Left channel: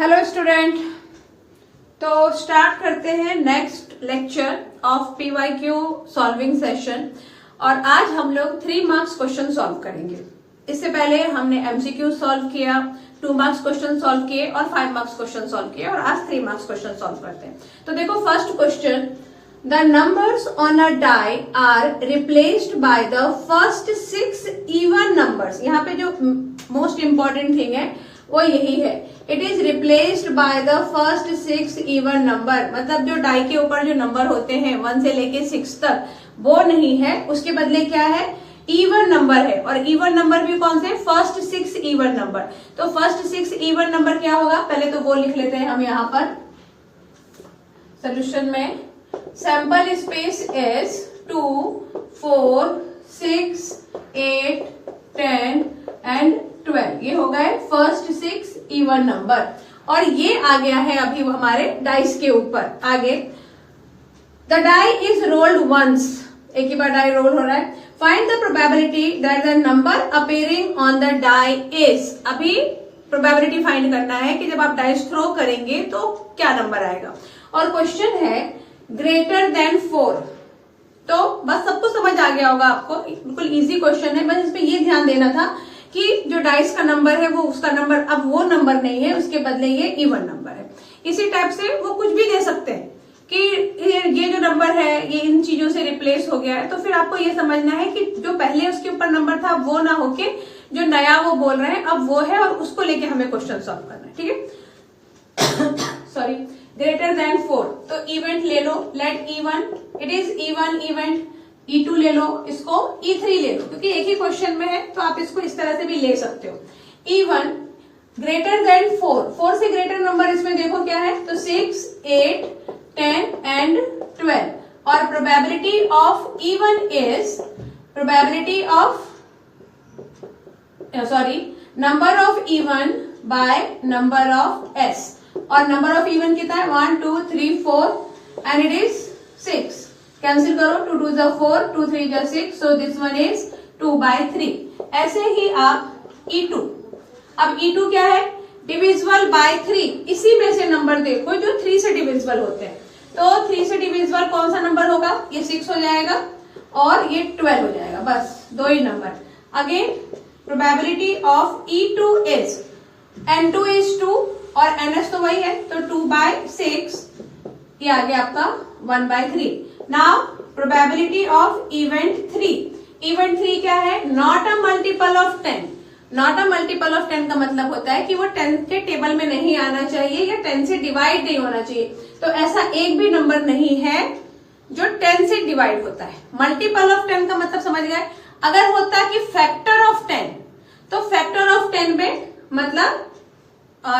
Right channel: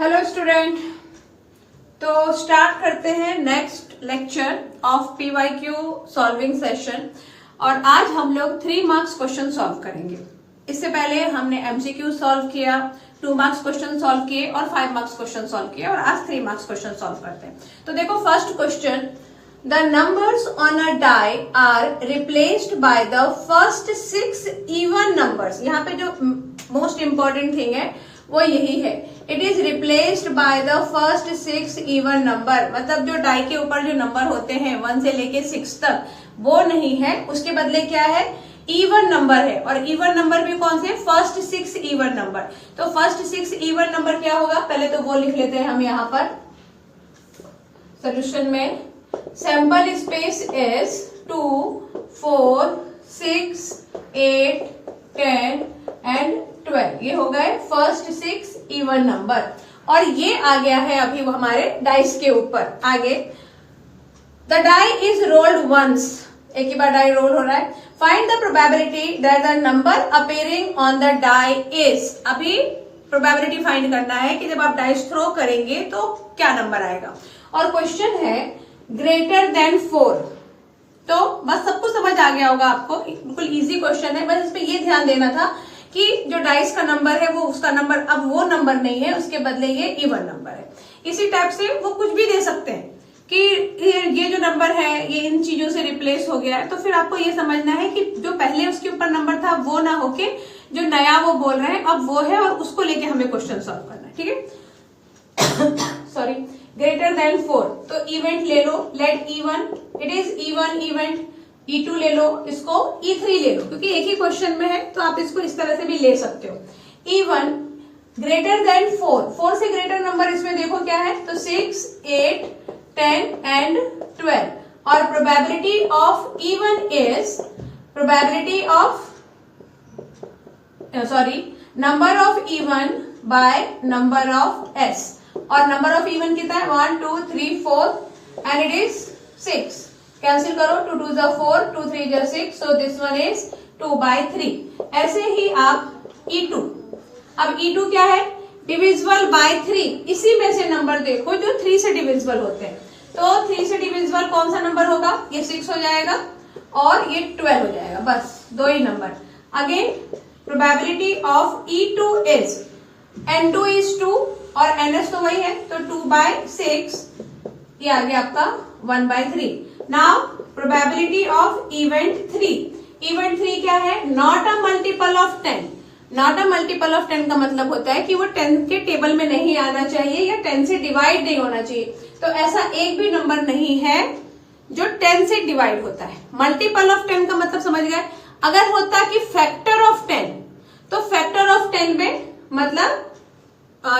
Hello student, तो start करते हैं next lecture of PYQ solving session. और आज हम लोग 3 मार्क्स क्वेश्चन सॉल्व करेंगे। इससे पहले हमने एमसीक्यू सॉल्व किया, 2 मार्क्स क्वेश्चन सॉल्व किए और 5 मार्क्स क्वेश्चन सॉल्व किए, और आज 3 मार्क्स क्वेश्चन सॉल्व करते हैं। तो देखो first question, the numbers on a die are replaced by the first 6 even numbers. यहाँ पे जो मोस्ट इंपॉर्टेंट थिंग है वो यही है, it is replaced by the first 6 even number. मतलब जो डाई के ऊपर जो नंबर होते हैं 1 से लेके 6 तक, वो नहीं है, उसके बदले क्या है, इवन नंबर है। और इवन नंबर भी कौन से, फर्स्ट 6 इवन नंबर। तो फर्स्ट 6 इवन नंबर क्या होगा, पहले तो वो लिख लेते हैं हम यहाँ पर सोल्यूशन में। Sample space is 2, 4, 6, 8, 10 and 12। ये हो गए फर्स्ट 6 इवन नंबर, और ये आ गया है अभी हमारे डाइस के ऊपर। आगे, the die is rolled once, एक ही बार डाई रोल हो रहा है। Find the probability that the number appearing on the die is. अभी प्रोबेबिलिटी फाइंड करना है कि जब आप डाइस थ्रो करेंगे तो क्या नंबर आएगा। और क्वेश्चन है ग्रेटर देन 4। तो बस सब कुछ समझ आ गया होगा आपको, बिल्कुल इजी क्वेश्चन है। बस इसमें ये ध्यान देना था कि जो डाइस का नंबर है वो उसका नंबर अब वो नंबर नहीं है, उसके बदले ये इवन नंबर है। इसी टाइप से वो कुछ भी दे सकते हैं कि ये जो नंबर है ये इन चीजों से रिप्लेस हो गया है। तो फिर आपको ये समझना है कि जो पहले उसके ऊपर नंबर था वो ना होके जो नया वो बोल रहे हैं अब वो है, और उसको लेके हमें क्वेश्चन सॉल्व करना है। ठीक है सॉरी, ग्रेटर देन 4, तो इवेंट ले लो, let even, it is even event. E2 ले लो, इसको E3 ले लो, क्योंकि एक ही क्वेश्चन में है तो आप इसको इस तरह से भी ले सकते हो। E1 ग्रेटर देन 4, 4 से ग्रेटर नंबर इसमें देखो क्या है, तो 6, 8, 10 एंड 12। और probability of E1 is probability of number of E1 by number of S। और नंबर ऑफ E1 कितना है, 1, 2, 3, 4 एंड इट इज 6। कैंसिल करो, 2 2 जा 4, 2 3 जा 6, सो दिस वन इज 2/3। ऐसे ही आप E2, अब E2 क्या है, डिविजिबल बाय 3। इसी में से नंबर देखो जो 3 से डिविजिबल होते हैं। तो 3 से डिविजिबल कौन सा नंबर होगा, ये 6 हो जाएगा और ये 12 हो जाएगा, बस 2 ही नंबर। Again probability of E2 is N2 is 2 और NS तो वही है, तो 2/6, ये आ गया आपका 1/3। Now probability of event 3। Event 3 क्या है, not a multiple of 10। Not a multiple of 10 का मतलब होता है कि वो 10 के टेबल में नहीं आना चाहिए या 10 से डिवाइड नहीं होना चाहिए। तो ऐसा एक भी नंबर नहीं है जो 10 से डिवाइड होता है। मल्टीपल ऑफ 10 का मतलब समझ गए, अगर होता कि फैक्टर ऑफ 10, तो फैक्टर ऑफ 10 में मतलब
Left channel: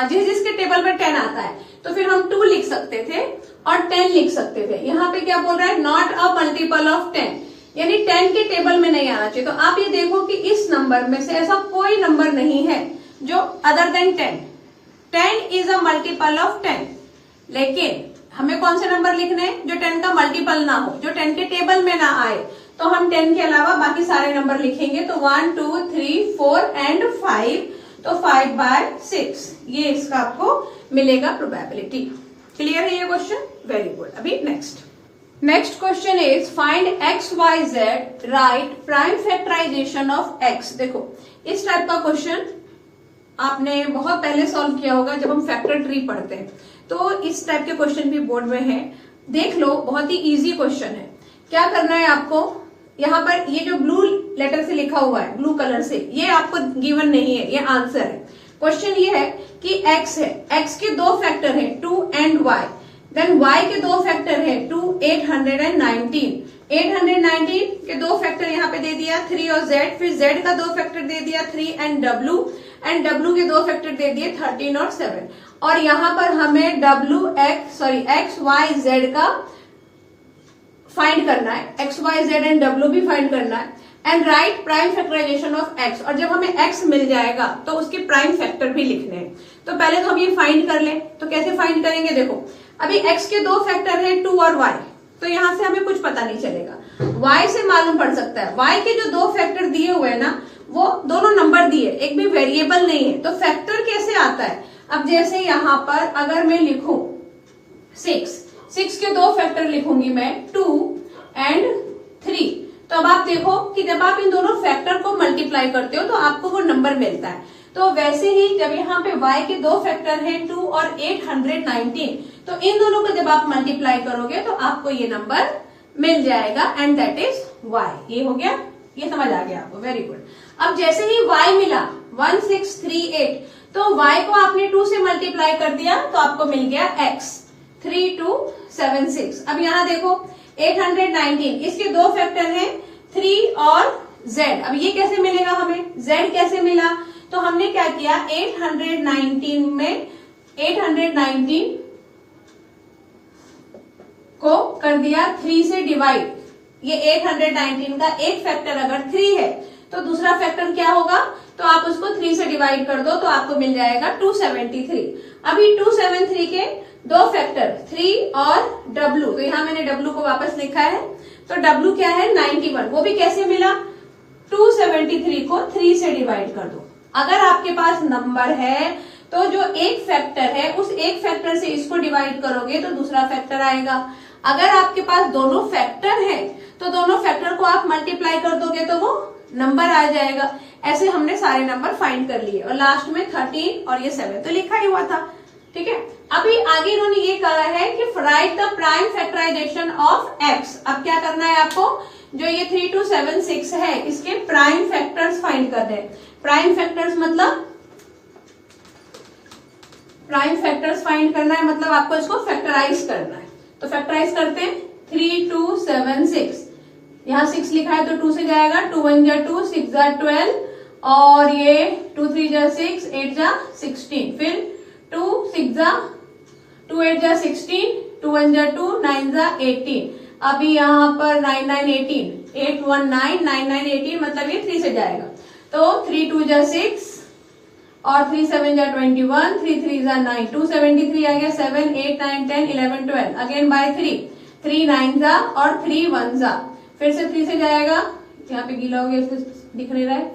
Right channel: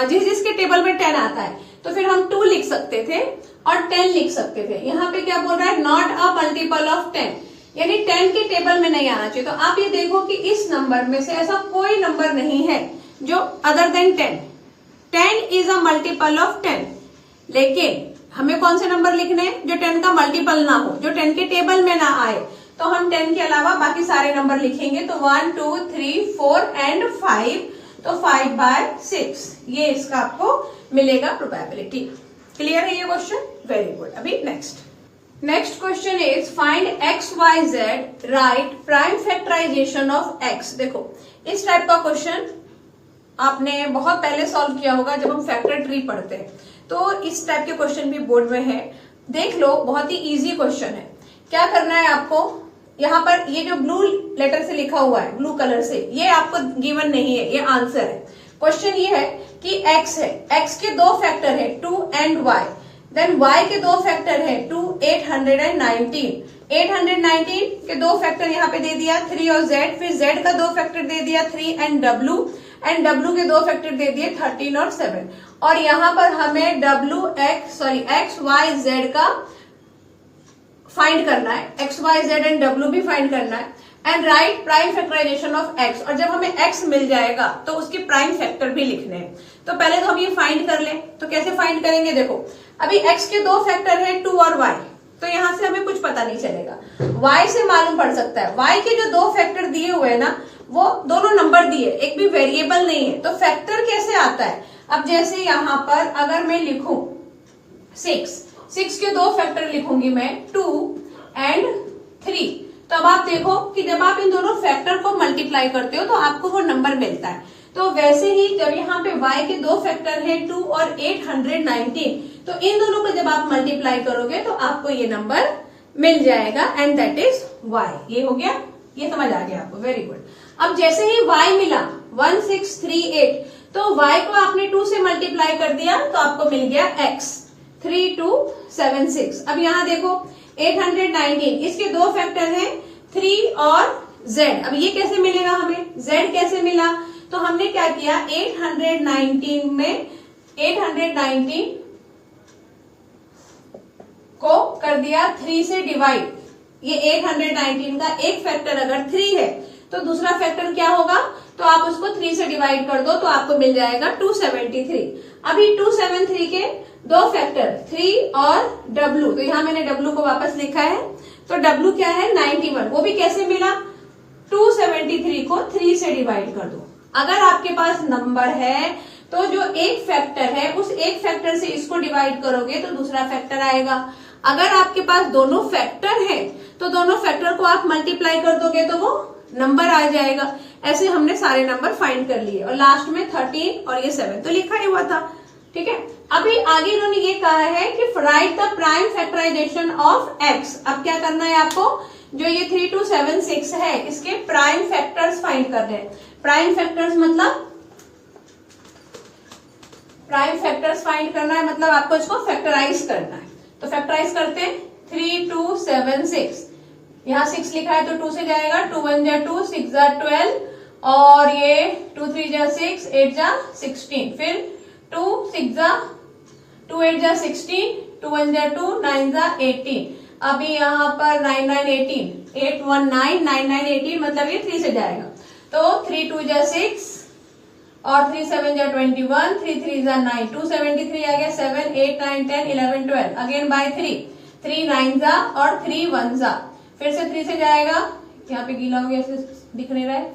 जिसके टेबल में 10 आता है तो फिर हम 2 लिख सकते थे और 10 लिख सकते थे। यहाँ पे क्या बोल रहा है, नॉट अ मल्टीपल ऑफ 10, यानी 10 के टेबल में नहीं आना चाहिए। तो आप ये देखो कि इस नंबर में से ऐसा कोई नंबर नहीं है जो other than 10। 10 is a multiple of 10, लेकिन हमें कौन से नंबर लिखने हैं जो 10 का मल्टीपल ना हो, जो 10 के टेबल में ना आए। तो हम 10 के अलावा बाकी सारे नंबर लिखेंगे, तो 1, 2, 3, 4 एंड 5, तो 5/6 ये इसका आपको मिलेगा प्रोबेबिलिटी। क्लियर है ये क्वेश्चन, वेरी गुड। अभी next question is find XYZ, right prime factorization of X। देखो इस टाइप का क्वेश्चन आपने बहुत पहले सॉल्व किया होगा जब हम फैक्टर ट्री पढ़ते हैं। तो इस टाइप के क्वेश्चन भी बोर्ड में है, देख लो, बहुत ही इजी क्वेश्चन है। क्या करना है आपको, यहाँ पर ये जो ब्लू लेटर से लिखा हुआ है, ब्लू कलर से, ये आपको गिवन नहीं है, ये आंसर है। क्वेश्चन ये है कि x है, x के 2 फैक्टर है 2 एंड y, देन y के 2 फैक्टर है 2, 819। 819 के 2 फैक्टर यहाँ पे दे दिया 3 और z, फिर z का 2 फैक्टर दे दिया 3 एंड w के 2 फैक्टर दे दिए 13 और 7। और यहाँ पर हमें x, y, z का फाइंड करना है, x, y, z and w भी फाइंड करना है, and right prime factorization of x। और जब हमें x मिल जाएगा तो उसके प्राइम फैक्टर भी लिखने हैं। तो पहले तो हम ये फाइंड कर लें, तो कैसे फाइंड करेंगे, देखो अभी x के 2 फैक्टर है 2 और y, तो यहां से हमें कुछ पता नहीं चलेगा। y से मालूम पड़ सकता है, y के जो 2 फैक्टर दिए हुए हैं ना, वो दोनों नंबर दिए, एक भी वेरिएबल नहीं है, तो फैक्टर कैसे आता है, अब जैसे यहाँ पर अगर मैं लिखूं 6 के दो फैक्टर लिखूंगी मैं 2 एंड 3, तो अब आप देखो कि जब आप इन दोनों फैक्टर को मल्टीप्लाई करते हो तो आपको वो नंबर मिलता है। तो वैसे ही जब यहाँ पे y के दो फैक्टर हैं 2 और 819, तो इन दोनों को जब आप मल्टीप्लाई करोगे तो आपको ये नंबर मिल जाएगा एंड दैट इज y। ये हो गया, ये समझ आ गया आपको, वेरी गुड। अब जैसे ही y मिला 1638, तो y को आपने 2 से मल्टीप्लाई कर दिया तो आपको मिल गया x 3276। अब यहाँ देखो 819, इसके दो फैक्टर हैं 3 और z। अब ये कैसे मिलेगा हमें, z कैसे मिला, तो हमने क्या किया 819 को कर दिया 3 से डिवाइड। ये 819 का एक फैक्टर अगर 3 है तो दूसरा फैक्टर क्या होगा, तो आप उसको 3 से डिवाइड कर दो तो आपको मिल जाएगा 273। अभी 273 के दो फैक्टर 3 और w, तो यहां मैंने w को वापस लिखा है, तो w क्या है 91, वो भी कैसे मिला 273 को 3 से डिवाइड कर दो। अगर आपके पास नंबर है तो जो एक फैक्टर है उस एक फैक्टर से इसको डिवाइड करोगे तो दूसरा फैक्टर आएगा। अगर आपके पास दोनों फैक्टर है तो दोनों फैक्टर को आप मल्टीप्लाई कर दोगे तो वो नंबर आ जाएगा। ऐसे हमने सारे नंबर फाइंड कर लिए और लास्ट में 13 और ये 7 तो लिखा ही हुआ था, ठीक है। अभी आगे इन्होंने ये कहा है कि right the prime factorization of x। अब क्या करना है आपको, जो ये 3276 है इसके प्राइम फैक्टर्स फाइंड करने हैं। प्राइम फैक्टर्स मतलब प्राइम फैक्टर्स फाइंड करना है, मतलब आपको इसको फैक्टराइज करना है। तो फैक्टराइज करते हैं 3276, यहाँ 6 लिखा है तो 2 से जाएगा, 2 1 जा 2, 6 जा 12 और ये 2 3 जा 6, 8 जा 16, फिर 2 6 जा 2 8 जा 16, 2 1 जा 2, 9 जा 18। अभी यहाँ पर 9 9 18, 8 1 9, 9 9 18, मतलब ये 3 से जाएगा तो 3 2 जा 6 और 3 7 जा 21, 3 3 जा 9, 273 आ गया, 7 8 9 10 11 12, अगेन बाय 3, 3 9 जा और 3 1 जा, फिर से 3 से जाएगा, यहाँ पे गीला हो गया इसलिए दिख नहीं रहा है,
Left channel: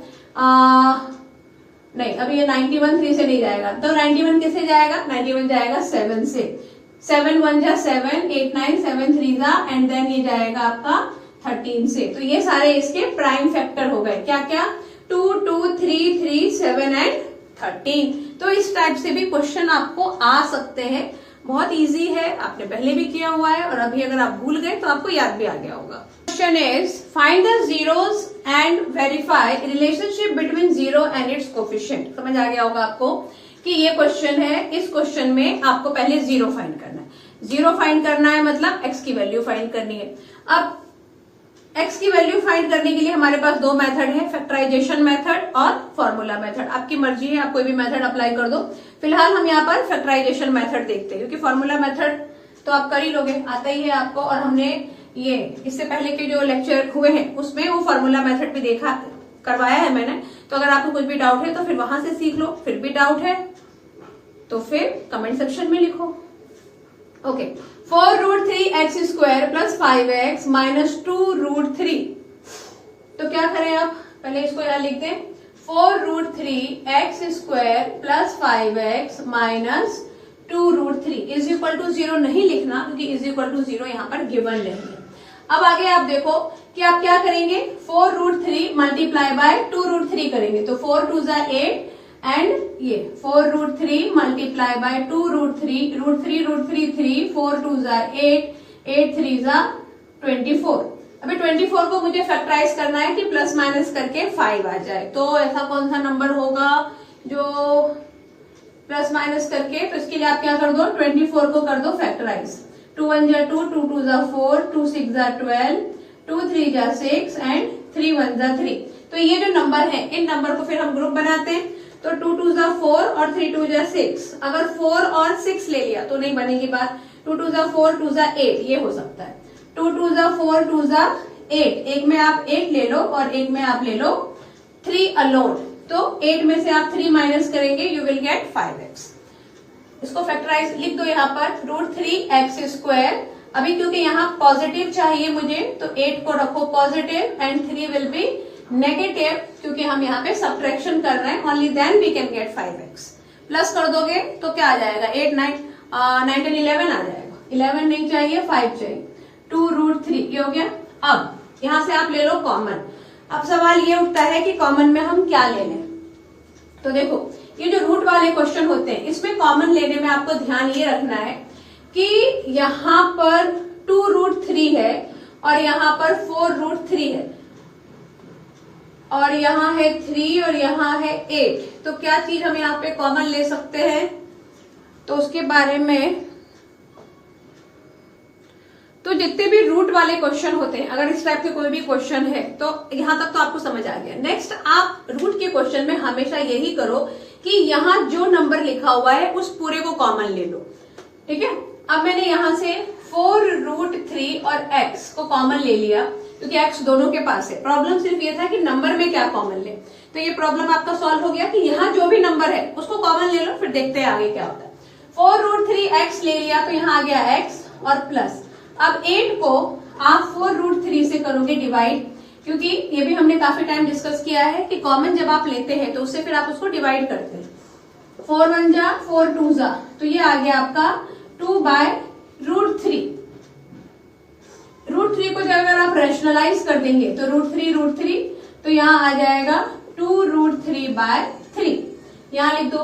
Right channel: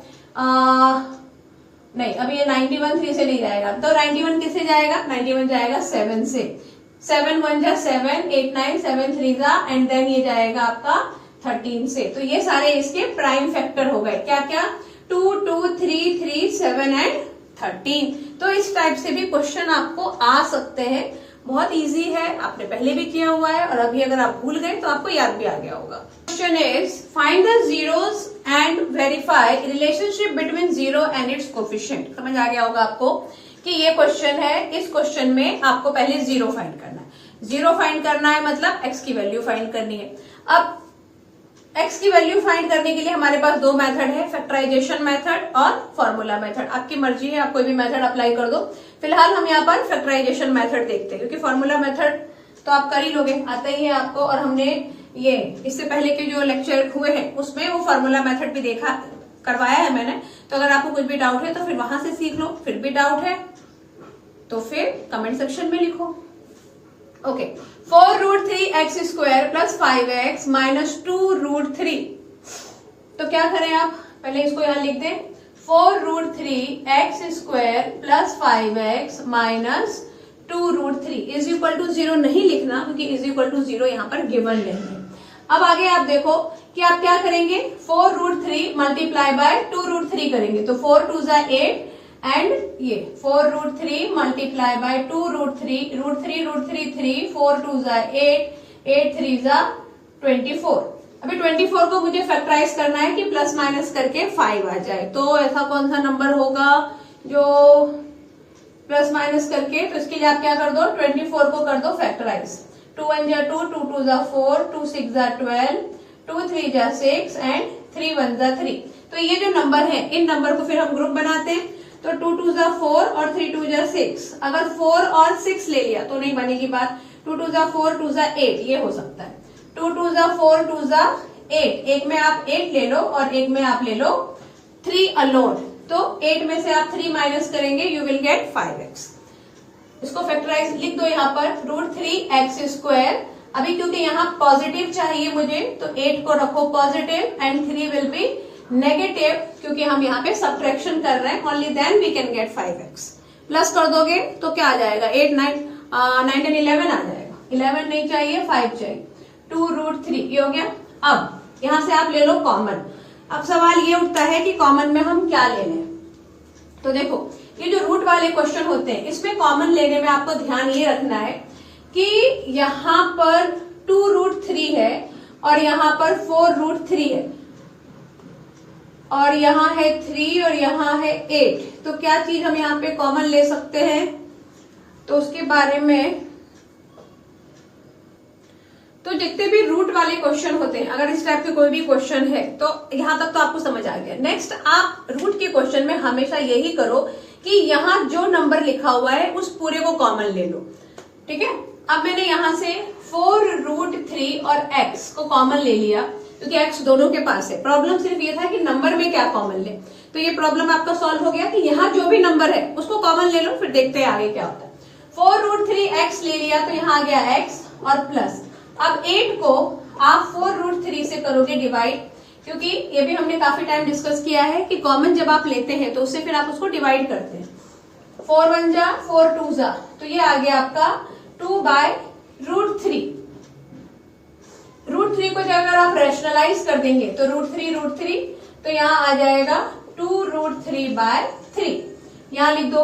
नहीं अभी ये 91 3 से नहीं जाएगा, तो 91 किससे जाएगा, 91 जाएगा 7 से, 7 1 जा 7, 8 9 7 3 जा एंड देन ये जाएगा आपका 13 से। तो ये सारे इसके प्राइम फैक्टर हो गए, क्या क्या 2 2 3 3 7 एंड 13। तो इस टाइप से भी क्वेश्चन आपको आ सकते हैं, बहुत इजी है, आपने पहले भी किया हुआ है और अभी अगर आप भूल गए तो आपको याद भी आ गया होगा। Question is find the zeros and verify relationship between zero and it's coefficient. समझ आ गया होगा आपको कि ये क्वेश्चन है, इस क्वेश्चन में आपको पहले जीरो फाइंड करना है। जीरो फाइंड करना है मतलब एक्स की वैल्यू फाइंड करनी है। अब एक्स की वैल्यू फाइंड करने के लिए हमारे पास दो मेथड है, फैक्टराइजेशन मेथड और फॉर्मूला मेथड। आपकी मर्जी है, आप कोई भी मेथड अप्लाई कर दो। फिलहाल हम यहाँ पर फैक्टराइजेशन मेथड देखते हैं, क्योंकि फॉर्मूला मेथड तो आप कर ही लोगे, आता ही है आपको, और हमने ये इससे पहले के जो लेक्चर हुए हैं उसमें वो फॉर्मूला मेथड भी देखा करवाया है मैंने। तो अगर आपको कुछ भी डाउट है तो फिर वहां से सीख लो, फिर भी डाउट है तो फिर कमेंट सेक्शन में लिखो। Okay, 4√3x² plus 5x minus 2√3। तो क्या करें आप, पहले इसको यहां लिख दें, 4√3x² plus 5x minus 2√3 is equal to 0 नहीं लिखना, क्योंकि इज इक्वल टू 0 यहाँ पर गिवन नहीं है। अब आगे आप देखो कि आप क्या करेंगे, 4√3 मल्टीप्लाई बाय 2√3 करेंगे, तो 4 2 जा 8 एंड ये 4√3 मल्टीप्लाई बाय 2√3, √3 3, 4 2 जा 8, 8 3 जा 24। अभी 24 को मुझे फैक्टराइज करना है कि प्लस माइनस करके 5 आ जाए। तो ऐसा कौन सा नंबर होगा जो प्लस माइनस करके, तो इसके लिए आप क्या कर दो, 24 को कर दो फैक्टराइज, 2 1 जा 2, 2 2 जा 4, 2 6 जा 12, 2 3 जा 6 एंड 3 1 जा 3। तो ये जो नंबर है, इन नंबर को फिर हम ग्रुप बनाते हैं, तो 2 2 जा 4 और 3 2 जा 6। अगर 4 और 6 ले लिया तो नहीं बनेगी बात, 2 2 जा 4, 2 जा 8 ये हो सकता है, 2 2 जा 4, 2 जा 8, एक में आप 8 ले लो और एक में आप ले लो 3 अलोन, तो 8 में से आप 3 माइनस करेंगे, यू विल गेट 5x। इसको फैक्टराइज लिख दो यहाँ पर, √3x²। अभी क्योंकि यहाँ पॉजिटिव चाहिए मुझे, तो 8 को रखो positive and 3 will be negative, क्योंकि हम यहाँ पे सब्ट्रैक्शन कर रहे हैं, only then we can get 5x। Plus कर दोगे तो क्या आ जाएगा 8 9 9 10 11 आ जाएगा। 11 नहीं चाहिए, 5 चाहिए। 2√3 ये हो गया। अब यहां से आप ले लो कॉमन। अब सवाल ये उठता है कि कॉमन में हम क्या ले लें। तो देखो ये जो रूट वाले क्वेश्चन होते हैं इसमें कॉमन लेने में आपको ध्यान ये रखना है कि यहां पर 2√3 है और यहां पर 4√3 है और यहाँ है 3 और यहाँ है 8। तो क्या चीज हम यहाँ पे कॉमन ले सकते हैं, तो उसके बारे में, तो जितने भी रूट वाले क्वेश्चन होते हैं, अगर इस टाइप के कोई भी क्वेश्चन है तो यहां तक तो आपको समझ आ गया। नेक्स्ट आप रूट के क्वेश्चन में हमेशा यही करो कि यहाँ जो नंबर लिखा हुआ है उस पूरे को कॉमन ले लो। ठीक है, अब मैंने यहां से 4√3 और x को कॉमन ले लिया क्योंकि x दोनों के पास है। प्रॉब्लम सिर्फ ये था कि नंबर में क्या कॉमन ले, तो ये प्रॉब्लम आपका सॉल्व हो गया कि यहाँ जो भी नंबर है उसको कॉमन ले लो, फिर देखते हैं आगे क्या होता है। 4√3x ले लिया तो यहाँ आ गया x और प्लस। अब 8 को आप 4√3 से करोगे डिवाइड, क्योंकि ये भी हमने काफी टाइम डिस्कस किया है कि कॉमन जब आप लेते हैं तो उससे फिर आप उसको डिवाइड करते हैं। 4 1 जा 4 2 जा, तो ये आ गया आपका 2/√3। √3 को जब अगर आप रैशनलाइज कर देंगे तो √3 तो यहाँ आ जाएगा 2√3/3। यहाँ लिख दो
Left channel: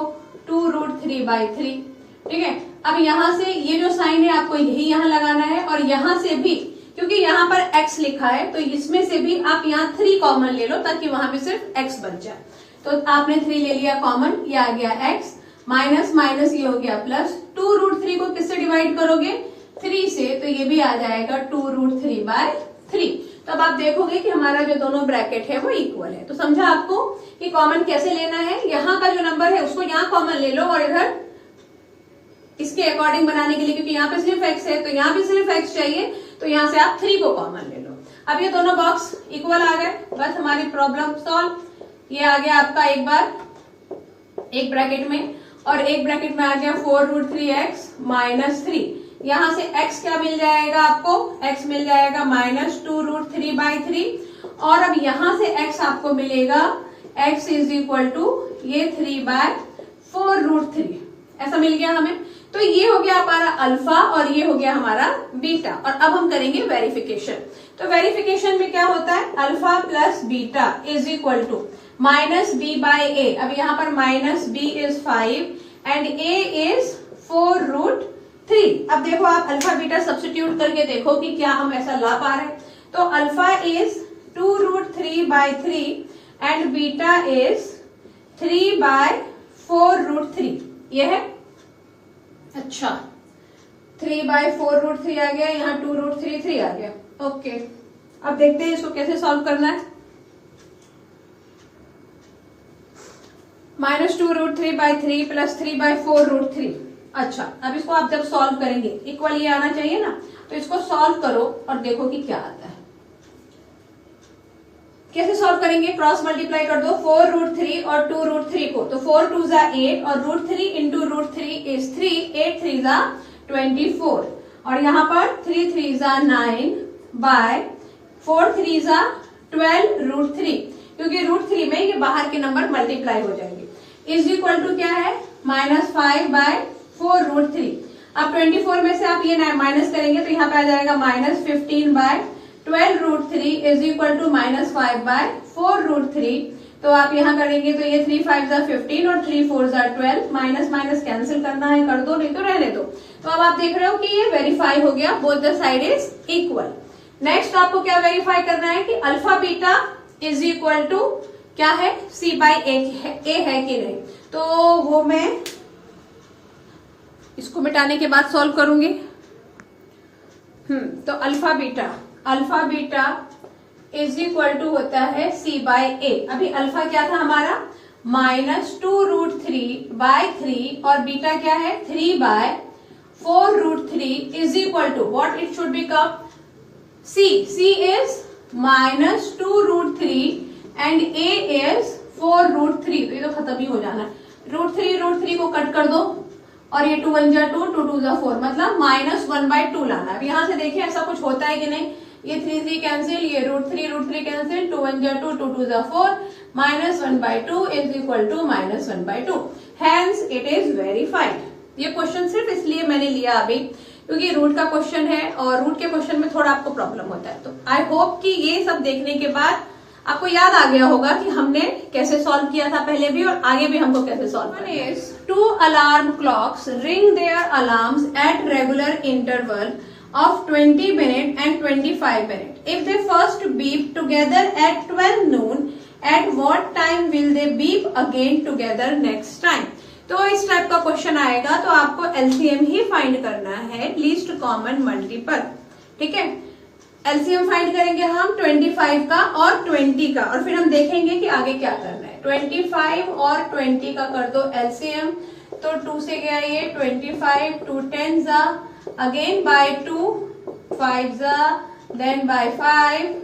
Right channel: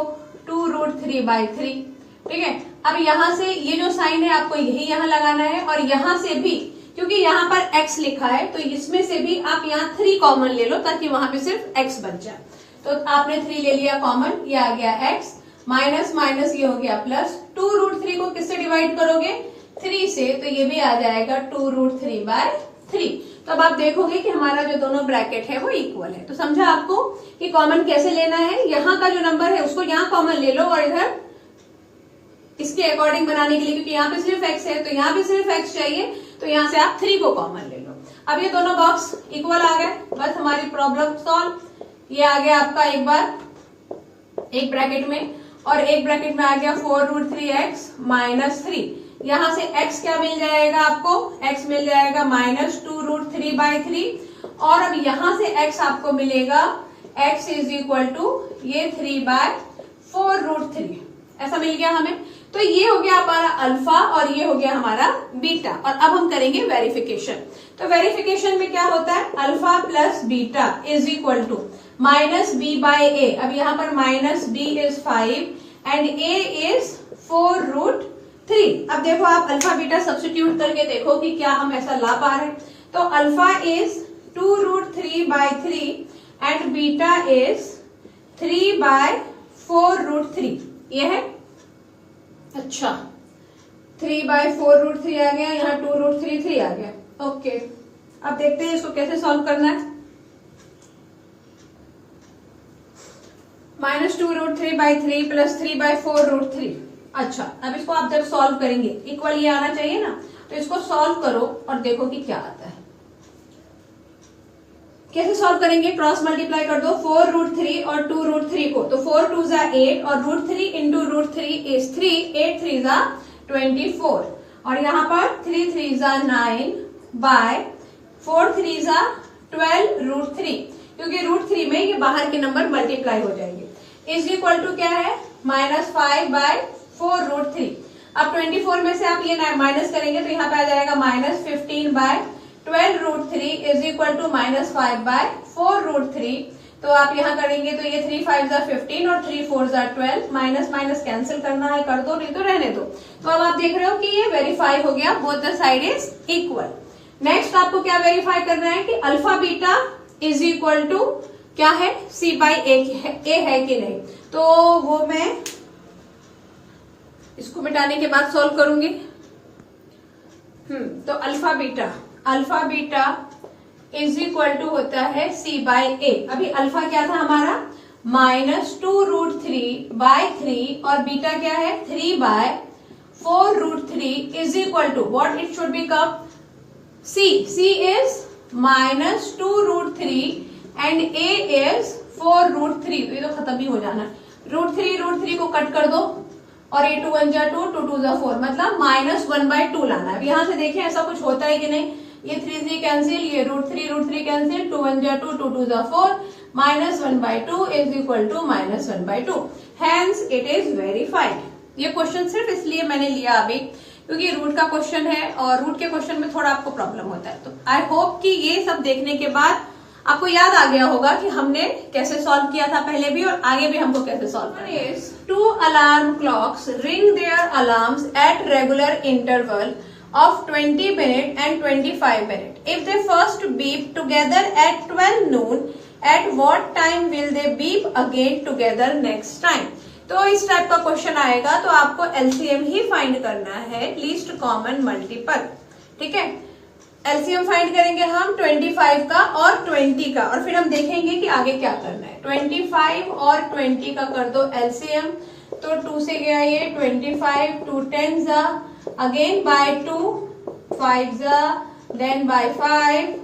2√3/3। ठीक है, अब यहां से ये जो साइन है आपको यही यहां लगाना है और यहां से भी, क्योंकि यहाँ पर x लिखा है तो इसमें से भी आप यहाँ 3 कॉमन ले लो ताकि वहां पे सिर्फ x बच जाए। तो आपने 3 ले लिया कॉमन, ये आ गया x, माइनस माइनस ये हो गया प्लस। 2√3 को किससे डिवाइड करोगे, 3 से, तो ये भी आ जाएगा 2√3/3। तो अब आप देखोगे कि हमारा जो दोनों ब्रैकेट है वो इक्वल है। तो समझा आपको कि कॉमन कैसे लेना है। यहाँ का जो नंबर है उसको यहाँ कॉमन ले लो और इधर इसके अकॉर्डिंग बनाने के लिए, क्योंकि यहाँ पे सिर्फ x है तो यहाँ भी सिर्फ x चाहिए, तो यहाँ से आप 3 को कॉमन ले लो। अब ये दोनों बॉक्स इक्वल आ गए, बस हमारी प्रॉब्लम सॉल्व। ये आ गया आपका एक बार एक ब्रैकेट में और एक ब्रैकेट में आ गया 4√3x माइनस 3। यहाँ से x क्या मिल जाएगा आपको, x मिल जाएगा माइनस 2√3/3 और अब यहाँ से x आपको मिलेगा x इज इक्वल टू ये 3/4√3। ऐसा मिल गया हमें। तो ये हो गया हमारा अल्फा और ये हो गया हमारा बीटा। और अब हम करेंगे वेरिफिकेशन। तो वेरिफिकेशन में क्या होता है, alpha plus beta is equal to minus b/a। अब यहाँ पर minus b is 5 and a is 4√3। अब देखो आप अल्फा बीटा सब्स्टिट्यूट करके देखो कि क्या हम ऐसा ला पा रहे हैं। तो alpha is 2√3/3 and beta is 3/4√3। ये है, अच्छा 3/4√3 आ गया, यहाँ 2√3 आ गया। ओके, अब देखते हैं इसको कैसे सॉल्व करना है। Minus 2√3/3 plus 3/4√3। अच्छा, अब इसको आप जब सॉल्व करेंगे इक्वल ये आना चाहिए ना, तो इसको सॉल्व करो और देखो कि क्या आता है। कैसे सॉल्व करेंगे, क्रॉस मल्टीप्लाई कर दो 4√3 और 2√3 को, तो 4 2 जा 8 और √3 इंटू √3 इज 3, 8 3 जा 24 और यहाँ पर 3 3 जा 9 बाय 4 3 जा 12√3, क्योंकि √3 में ये बाहर के नंबर मल्टीप्लाई हो जाएंगे। इज इक्वल टू क्या है, -5/4√3। अब 24 में से आप ये माइनस करेंगे तो यहाँ पे आ जाएगा -15/12√3 इज इक्वल टू -5/4√3। तो आप यहाँ करेंगे तो ये 3 5 जा 15 और 3 4 जा 12, माइनस माइनस कैंसिल करना है कर दो, नहीं तो रहने दो। तो अब आप देख रहे हो कि ये वेरीफाई हो गया, both the side is equal. Next आपको क्या वेरीफाई करना है कि alpha beta is equal to क्या है, c/a है कि नहीं। तो वो मैं इसको मिटाने के बाद सॉल्व करूंगी। तो alpha beta is equal to होता है c/a। अभी अल्फा क्या था हमारा, -2√3/3 और बीटा क्या है 3/4√3 is equal to what it should become, c is -2√3 and a is 4√3। तो ये तो खत्म ही हो जाना है। √3 को कट कर दो और ये 2 1 जा 2, 2 2 जा 4, मतलब -1/2 लाना है। अब यहाँ से देखिए ऐसा कुछ होता है कि नहीं, ये 3 3 कैंसिल, ये √3 कैंसिल, 2 1 जा 2, 2 2 जा 4, -1/2 is equal to -1/2 hence it is verified. ये क्वेश्चन सिर्फ इसलिए मैंने लिया अभी क्योंकि रूट का क्वेश्चन है और रूट के क्वेश्चन में थोड़ा आपको प्रॉब्लम होता है। तो आई होप कि ये सब देखने के बाद आपको याद आ गया होगा कि हमने कैसे सॉल्व किया था पहले भी और आगे भी हमको कैसे सॉल्व करना है। 2 alarm clocks ring their alarms at regular interval of 20 minutes and 25 minutes. If they first beep together at 12 noon, at what time will they beep again together next time? तो इस टाइप का question आएगा तो आपको LCM ही find करना है, least common multiple. ठीक है, एलसीएम फाइंड करेंगे हम 25 का और 20 का और फिर हम देखेंगे कि आगे क्या करना है। 25 और 20 का कर दो एलसीएम, तो 2 से गया ये 25, 2 10 जा, अगेन बाय 2, 5 जा, देन बाय 5,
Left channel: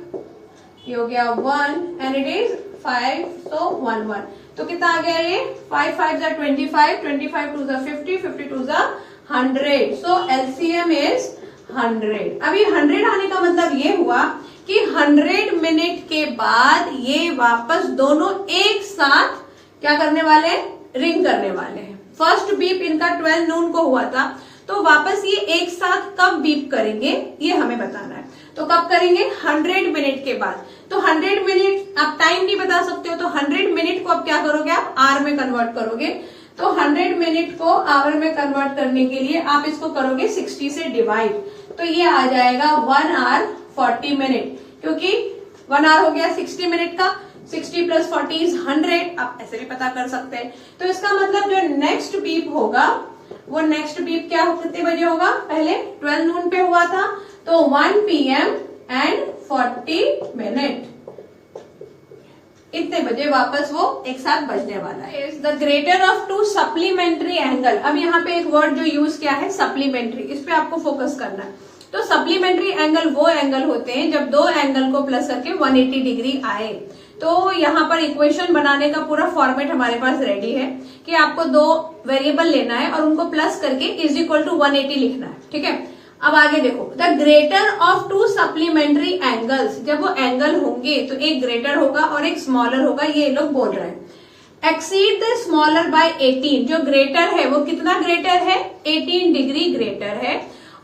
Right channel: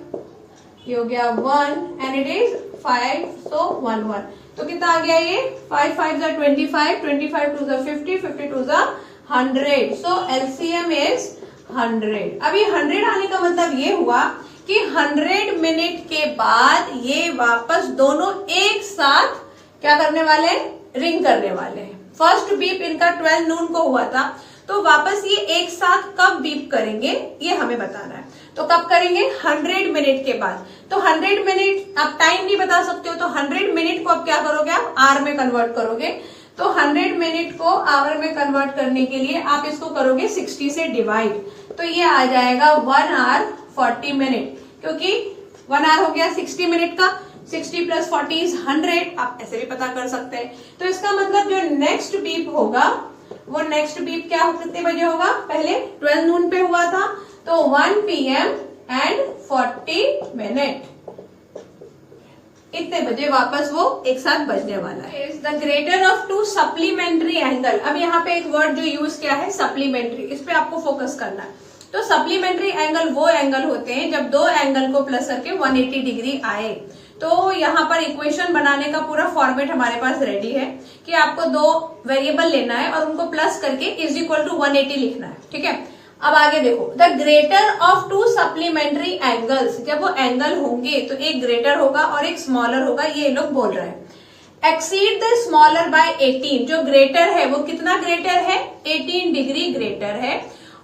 ये हो गया 1 एंड इट इज 5, so 1 1। तो कितना आ गया ये 5 5 जा 25, 25 2 जा 50, 50 2 जा 100, सो एलसीएम इज 100। अभी 100 आने का मतलब ये हुआ कि 100 मिनट के बाद ये वापस दोनों एक साथ क्या करने वाले, रिंग करने वाले हैं। फर्स्ट बीप इनका 12 नून को हुआ था, तो वापस ये एक साथ कब बीप करेंगे ये हमें बताना है। तो कब करेंगे, 100 मिनट के बाद। तो 100 मिनट आप टाइम भी बता सकते हो, तो 100 मिनट को अब क्या करोगे, आप आवर में कन्वर्ट करोगे। तो 100 मिनट को आवर में कन्वर्ट करने के लिए आप इसको करोगे 60 से डिवाइड, तो ये आ जाएगा 1 आवर 40 मिनट, क्योंकि 1 आवर हो गया 60 मिनट का, 60 प्लस 40 इज 100। आप ऐसे भी पता कर सकते हैं। तो इसका मतलब जो नेक्स्ट बीप होगा वो नेक्स्ट बीप क्या कितने बजे होगा, पहले 12 नून पे हुआ था तो 1 PM एंड 40 मिनट, इतने बजे वापस वो एक साथ बजने वाला है। The greater of 2 supplementary angle. अब यहाँ पे एक वर्ड जो यूज किया है सप्लीमेंट्री, इस पे आपको फोकस करना है। तो सप्लीमेंट्री एंगल वो एंगल होते हैं जब दो एंगल को प्लस करके 180 डिग्री आए। तो यहाँ पर इक्वेशन बनाने का पूरा फॉर्मेट हमारे पास रेडी है कि आपको 2 वेरिएबल लेना है और उनको प्लस करके इज इक्वल टू 180 लिखना है। ठीक है, अब आगे देखो, the greater of 2 supplementary angles, जब वो एंगल होंगे तो एक ग्रेटर होगा और एक स्मॉलर होगा, ये लोग बोल रहे हैं। एक्सीड द स्मॉलर बाय 18, जो ग्रेटर है वो कितना ग्रेटर है, 18 डिग्री ग्रेटर है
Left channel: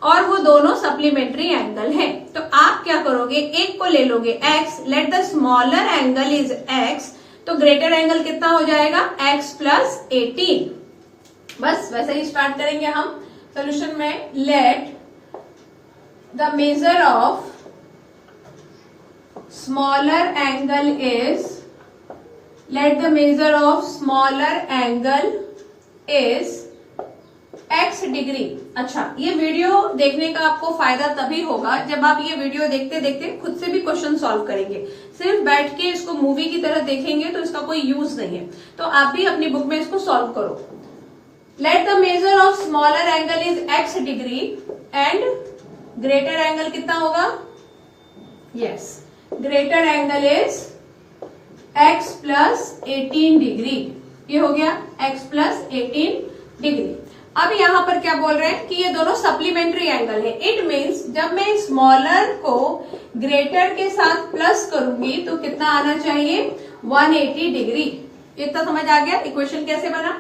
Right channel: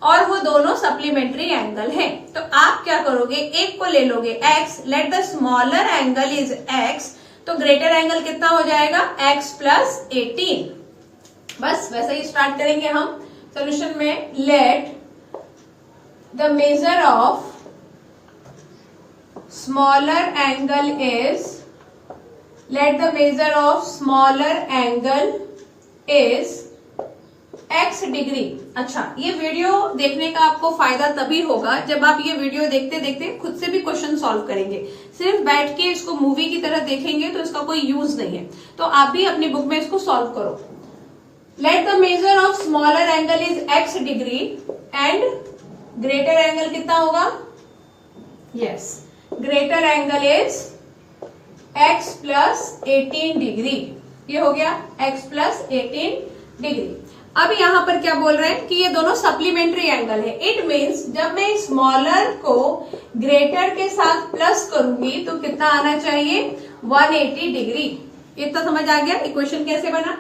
और वो दोनों सप्लीमेंट्री एंगल हैं। तो आप क्या करोगे, एक को ले लोगे x, let the smaller angle is x, तो ग्रेटर एंगल कितना हो जाएगा x प्लस 18। बस वैसे ही स्टार्ट करेंगे हम सोल्यूशन में। Let the measure of smaller angle is, let the measure of smaller angle is x degree. अच्छा, ये वीडियो देखने का आपको फायदा तभी होगा जब आप ये वीडियो देखते देखते खुद से भी क्वेश्चन सॉल्व करेंगे। सिर्फ बैठ के इसको मूवी की तरह देखेंगे तो इसका कोई यूज नहीं है। तो आप भी अपनी बुक में इसको सॉल्व करो। Let the measure of smaller angle is x degree and greater angle कितना होगा, yes, greater angle is x plus 18 degree. ये हो गया x प्लस 18 डिग्री। अब यहाँ पर क्या बोल रहे हैं कि ये दोनों सप्लीमेंट्री एंगल है। इट मीन्स जब मैं स्मॉलर को ग्रेटर के साथ प्लस करूंगी तो कितना आना चाहिए, 180 डिग्री। इतना समझ आ गया इक्वेशन कैसे बना।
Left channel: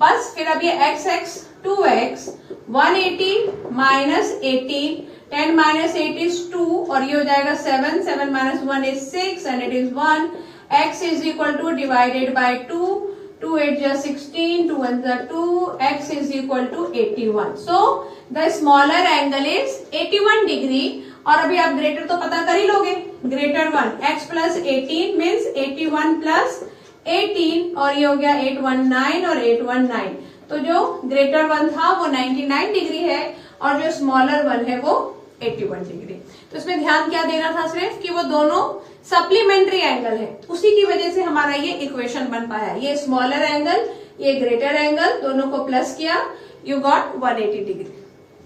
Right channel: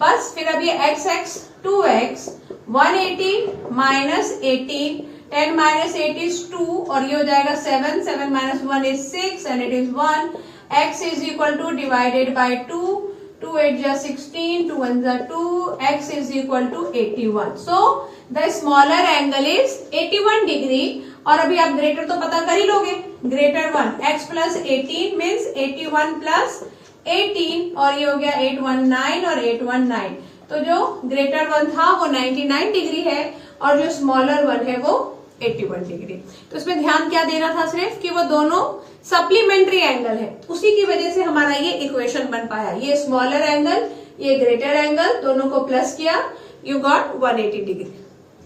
बस फिर अब ये x 2x 180 minus 18, 10 minus 8 is 2 और ये हो जाएगा 7, 7 minus 1 is 6 and it is 1। x is equal two divided by 2, 2 8 जा 16, 2 1 जा 2, x is equal to 81. So the smaller angle is 81 degree. और अभी आप ग्रेटर तो पता कर ही लोगे, greater 1 x plus 18 means 81 plus 18 और ये हो गया 819 और 819। तो जो ग्रेटर 1 था वो 99 डिग्री है और जो स्मॉलर 1 है वो 81 डिग्री। तो इसमें ध्यान क्या देना था, सिर्फ कि वो दोनों सप्लीमेंट्री एंगल है, उसी की वजह से हमारा ये इक्वेशन बन पाया। ये स्मॉलर एंगल, ये ग्रेटर एंगल, दोनों को प्लस किया, यू गॉट 180 डिग्री।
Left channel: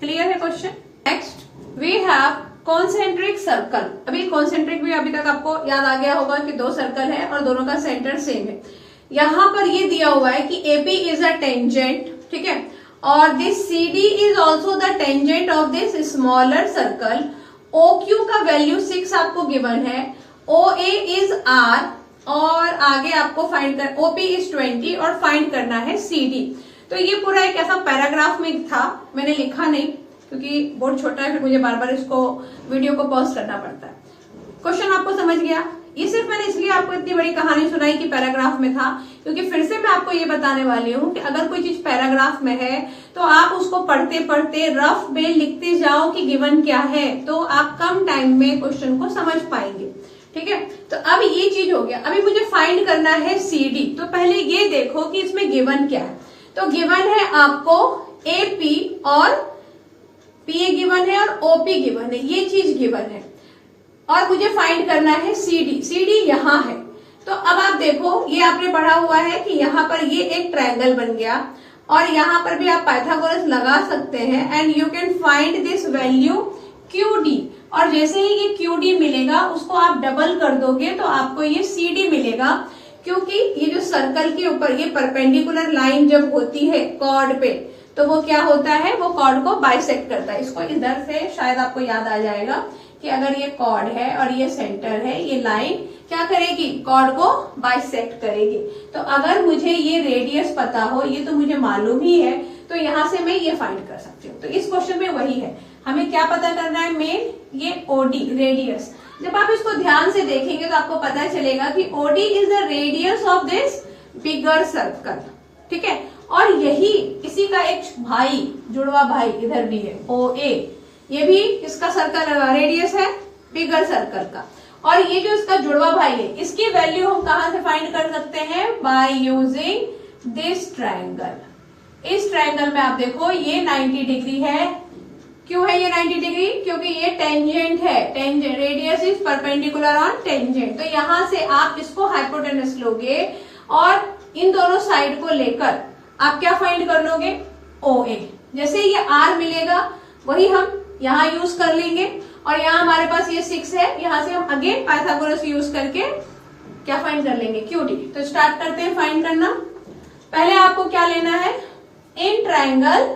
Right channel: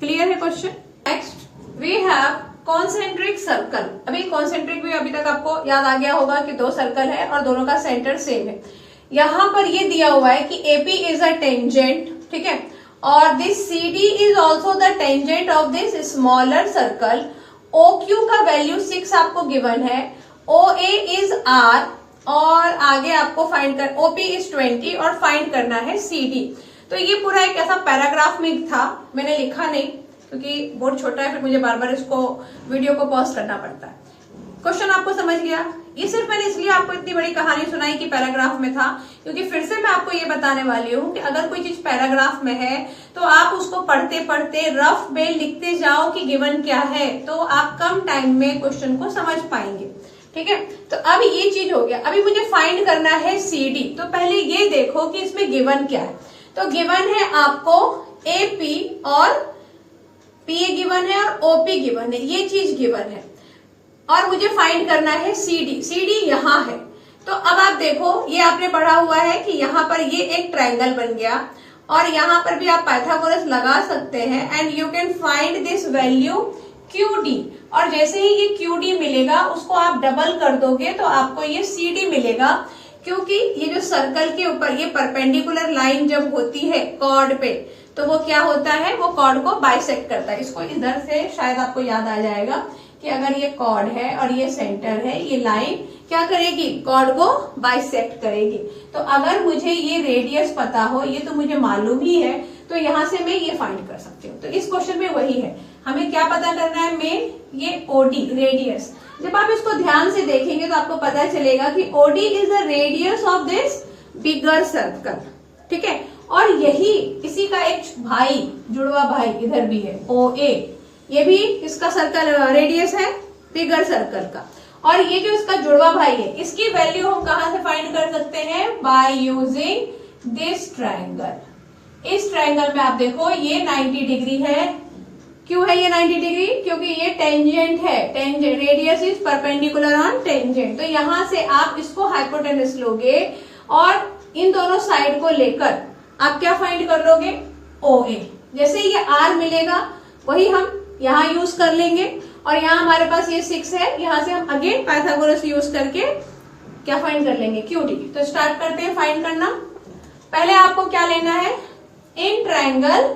क्लियर है question. Next we have concentric circle. अभी कॉन्सेंट्रिक भी अभी तक आपको याद आ गया होगा कि 2 सर्कल है और दोनों का सेंटर सेम है। यहाँ पर ये दिया हुआ है कि AP इज अ टेंजेंट, ठीक है, और this CD is also the tangent of this smaller circle. OQ का वैल्यू 6 आपको गिवन है, OA is R और आगे आपको फाइंड कर OP इज 20 और फाइंड करना है CD। तो ये पूरा एक ऐसा पैराग्राफ में था, मैंने लिखा नहीं क्योंकि बोर्ड छोटा है, फिर मुझे बार बार इसको वीडियो को पॉज करना पड़ता है। क्वेश्चन आपको समझ गया? ये सिर्फ मैंने इसलिए आपको इतनी बड़ी कहानी सुनाई कि पैराग्राफ में था, क्योंकि फिर से मैं आपको ये बताने वाली हूँ कि अगर कोई चीज पैराग्राफ में है तो आप उसको पढ़ते पढ़ते रफ में लिखते जाओ कि गिवन क्या है, तो आप कम टाइम में क्वेश्चन को समझ पाएंगे। ठीक है, तो अब ये चीज हो गया। अभी मुझे फाइंड करना है CD। तो पहले ये देखो कि इसमें गिवन क्या है। तो गिवन है आपको AP और PA गिवन है और OP गिवन है, ये चीज गिवन है। और मुझे फाइंड करना है CD यहाँ है। तो अब आप देखो, ये आपने पढ़ा हुआ है कि यहाँ पर ये एक ट्रायंगल बन गया और यहाँ पर भी आप पाइथागोरस लगा सकते हैं and you can find this value QD। और जैसे ही ये QD मिलेगा उसको आप डबल कर दोगे तो आपको ये CD मिलेगा, क्योंकि ये जो सर्कल के ऊपर ये परपेंडिकुलर लाइन जब होती है कॉर्ड पे तो वो क्या होता है, वो कॉर्ड को बाइसेक्ट करता है। इसको इधर से शायद आपको याद आ जाएगा कि अगर ये कॉर्ड है और ये सेंटर है, ये लाइन क्या करेगी, कॉर्ड को बाइसेक्ट करेगी। तो अगर मुझे ये रेडियस पता हो, ये तो मुझे मालूम ही है, तो यहां से मैं ये फाइंड कर सकती हूँ। तो इस क्वेश्चन में वही है, हमें क्या पता करना है, मेन ये OD रेडियस। जब आप इसको ध्यान से देखेंगे तो आपको पता चलेगा कि OD is the radius of this bigger circle. ठीक है, और यही इसी का एक भाई, जुड़वा भाई इधर भी है OA, ये भी इसका सर्कल रेडियस है बिगर सर्कल का। और ये जो इसका जुड़वा भाई है, इसकी वैल्यू हम कहां से फाइंड कर सकते हैं, बाय यूजिंग दिस ट्रायंगल। इस ट्रायंगल में आप देखो ये 90 डिग्री है। क्यों है ये 90 डिग्री, क्योंकि ये टेंजेंट है, tangent radius is perpendicular on tangent. तो यहां से आप इसको हाइपोटेनस लोगे और इन दोनों साइड को लेकर आप क्या फाइंड कर लोगे, OA। जैसे ये R मिलेगा वही हम यहाँ यूज कर लेंगे, और यहाँ हमारे पास ये 6 है, यहाँ से हम अगेन पाइथागोरस यूज करके क्या फाइंड कर लेंगे, QD। तो स्टार्ट करते हैं फाइंड करना। पहले आपको क्या लेना है, इन ट्रायंगल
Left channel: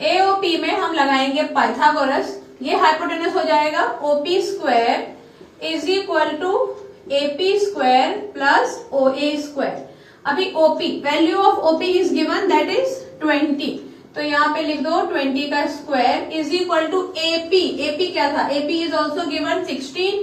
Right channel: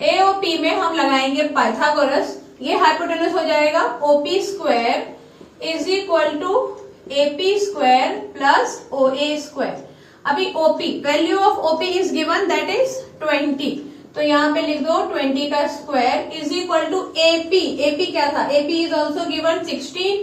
AOP में हम लगाएंगे पाइथागोरस। ये हाइपोटेनस हो जाएगा OP square is equal to AP square plus OA square. अभी OP, value of OP is given that is 20, तो यहाँ पे लिख दो 20 का square is equal to AP क्या था, AP इज ऑल्सो गिवन 16,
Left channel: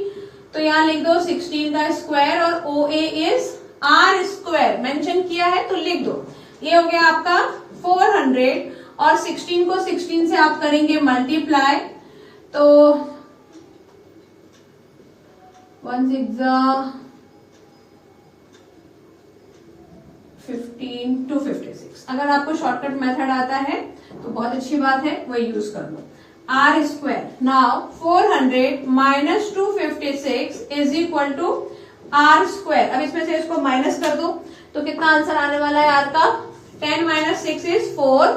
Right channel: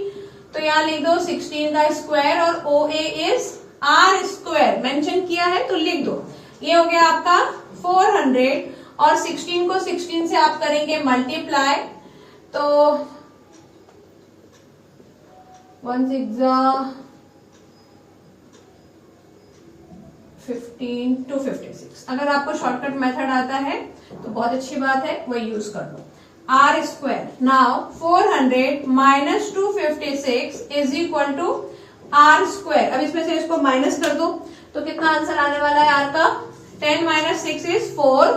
तो यहाँ लिख दो 16 का स्क्वायर, और OA is R square mention किया है तो लिख दो। ये हो गया आपका 400, और 16 को 16 से आप करेंगे मल्टीप्लाई, तो 1 6 15 256। अगर आपको शॉर्टकट मेथड आता है तो बहुत अच्छी बात है, वही यूज कर लो। R square, now 400 minus 256 is equal to R square. अब इसमें से इसको माइनस कर दो तो कितना आंसर आने वाला है R का, 10 minus 6 is 4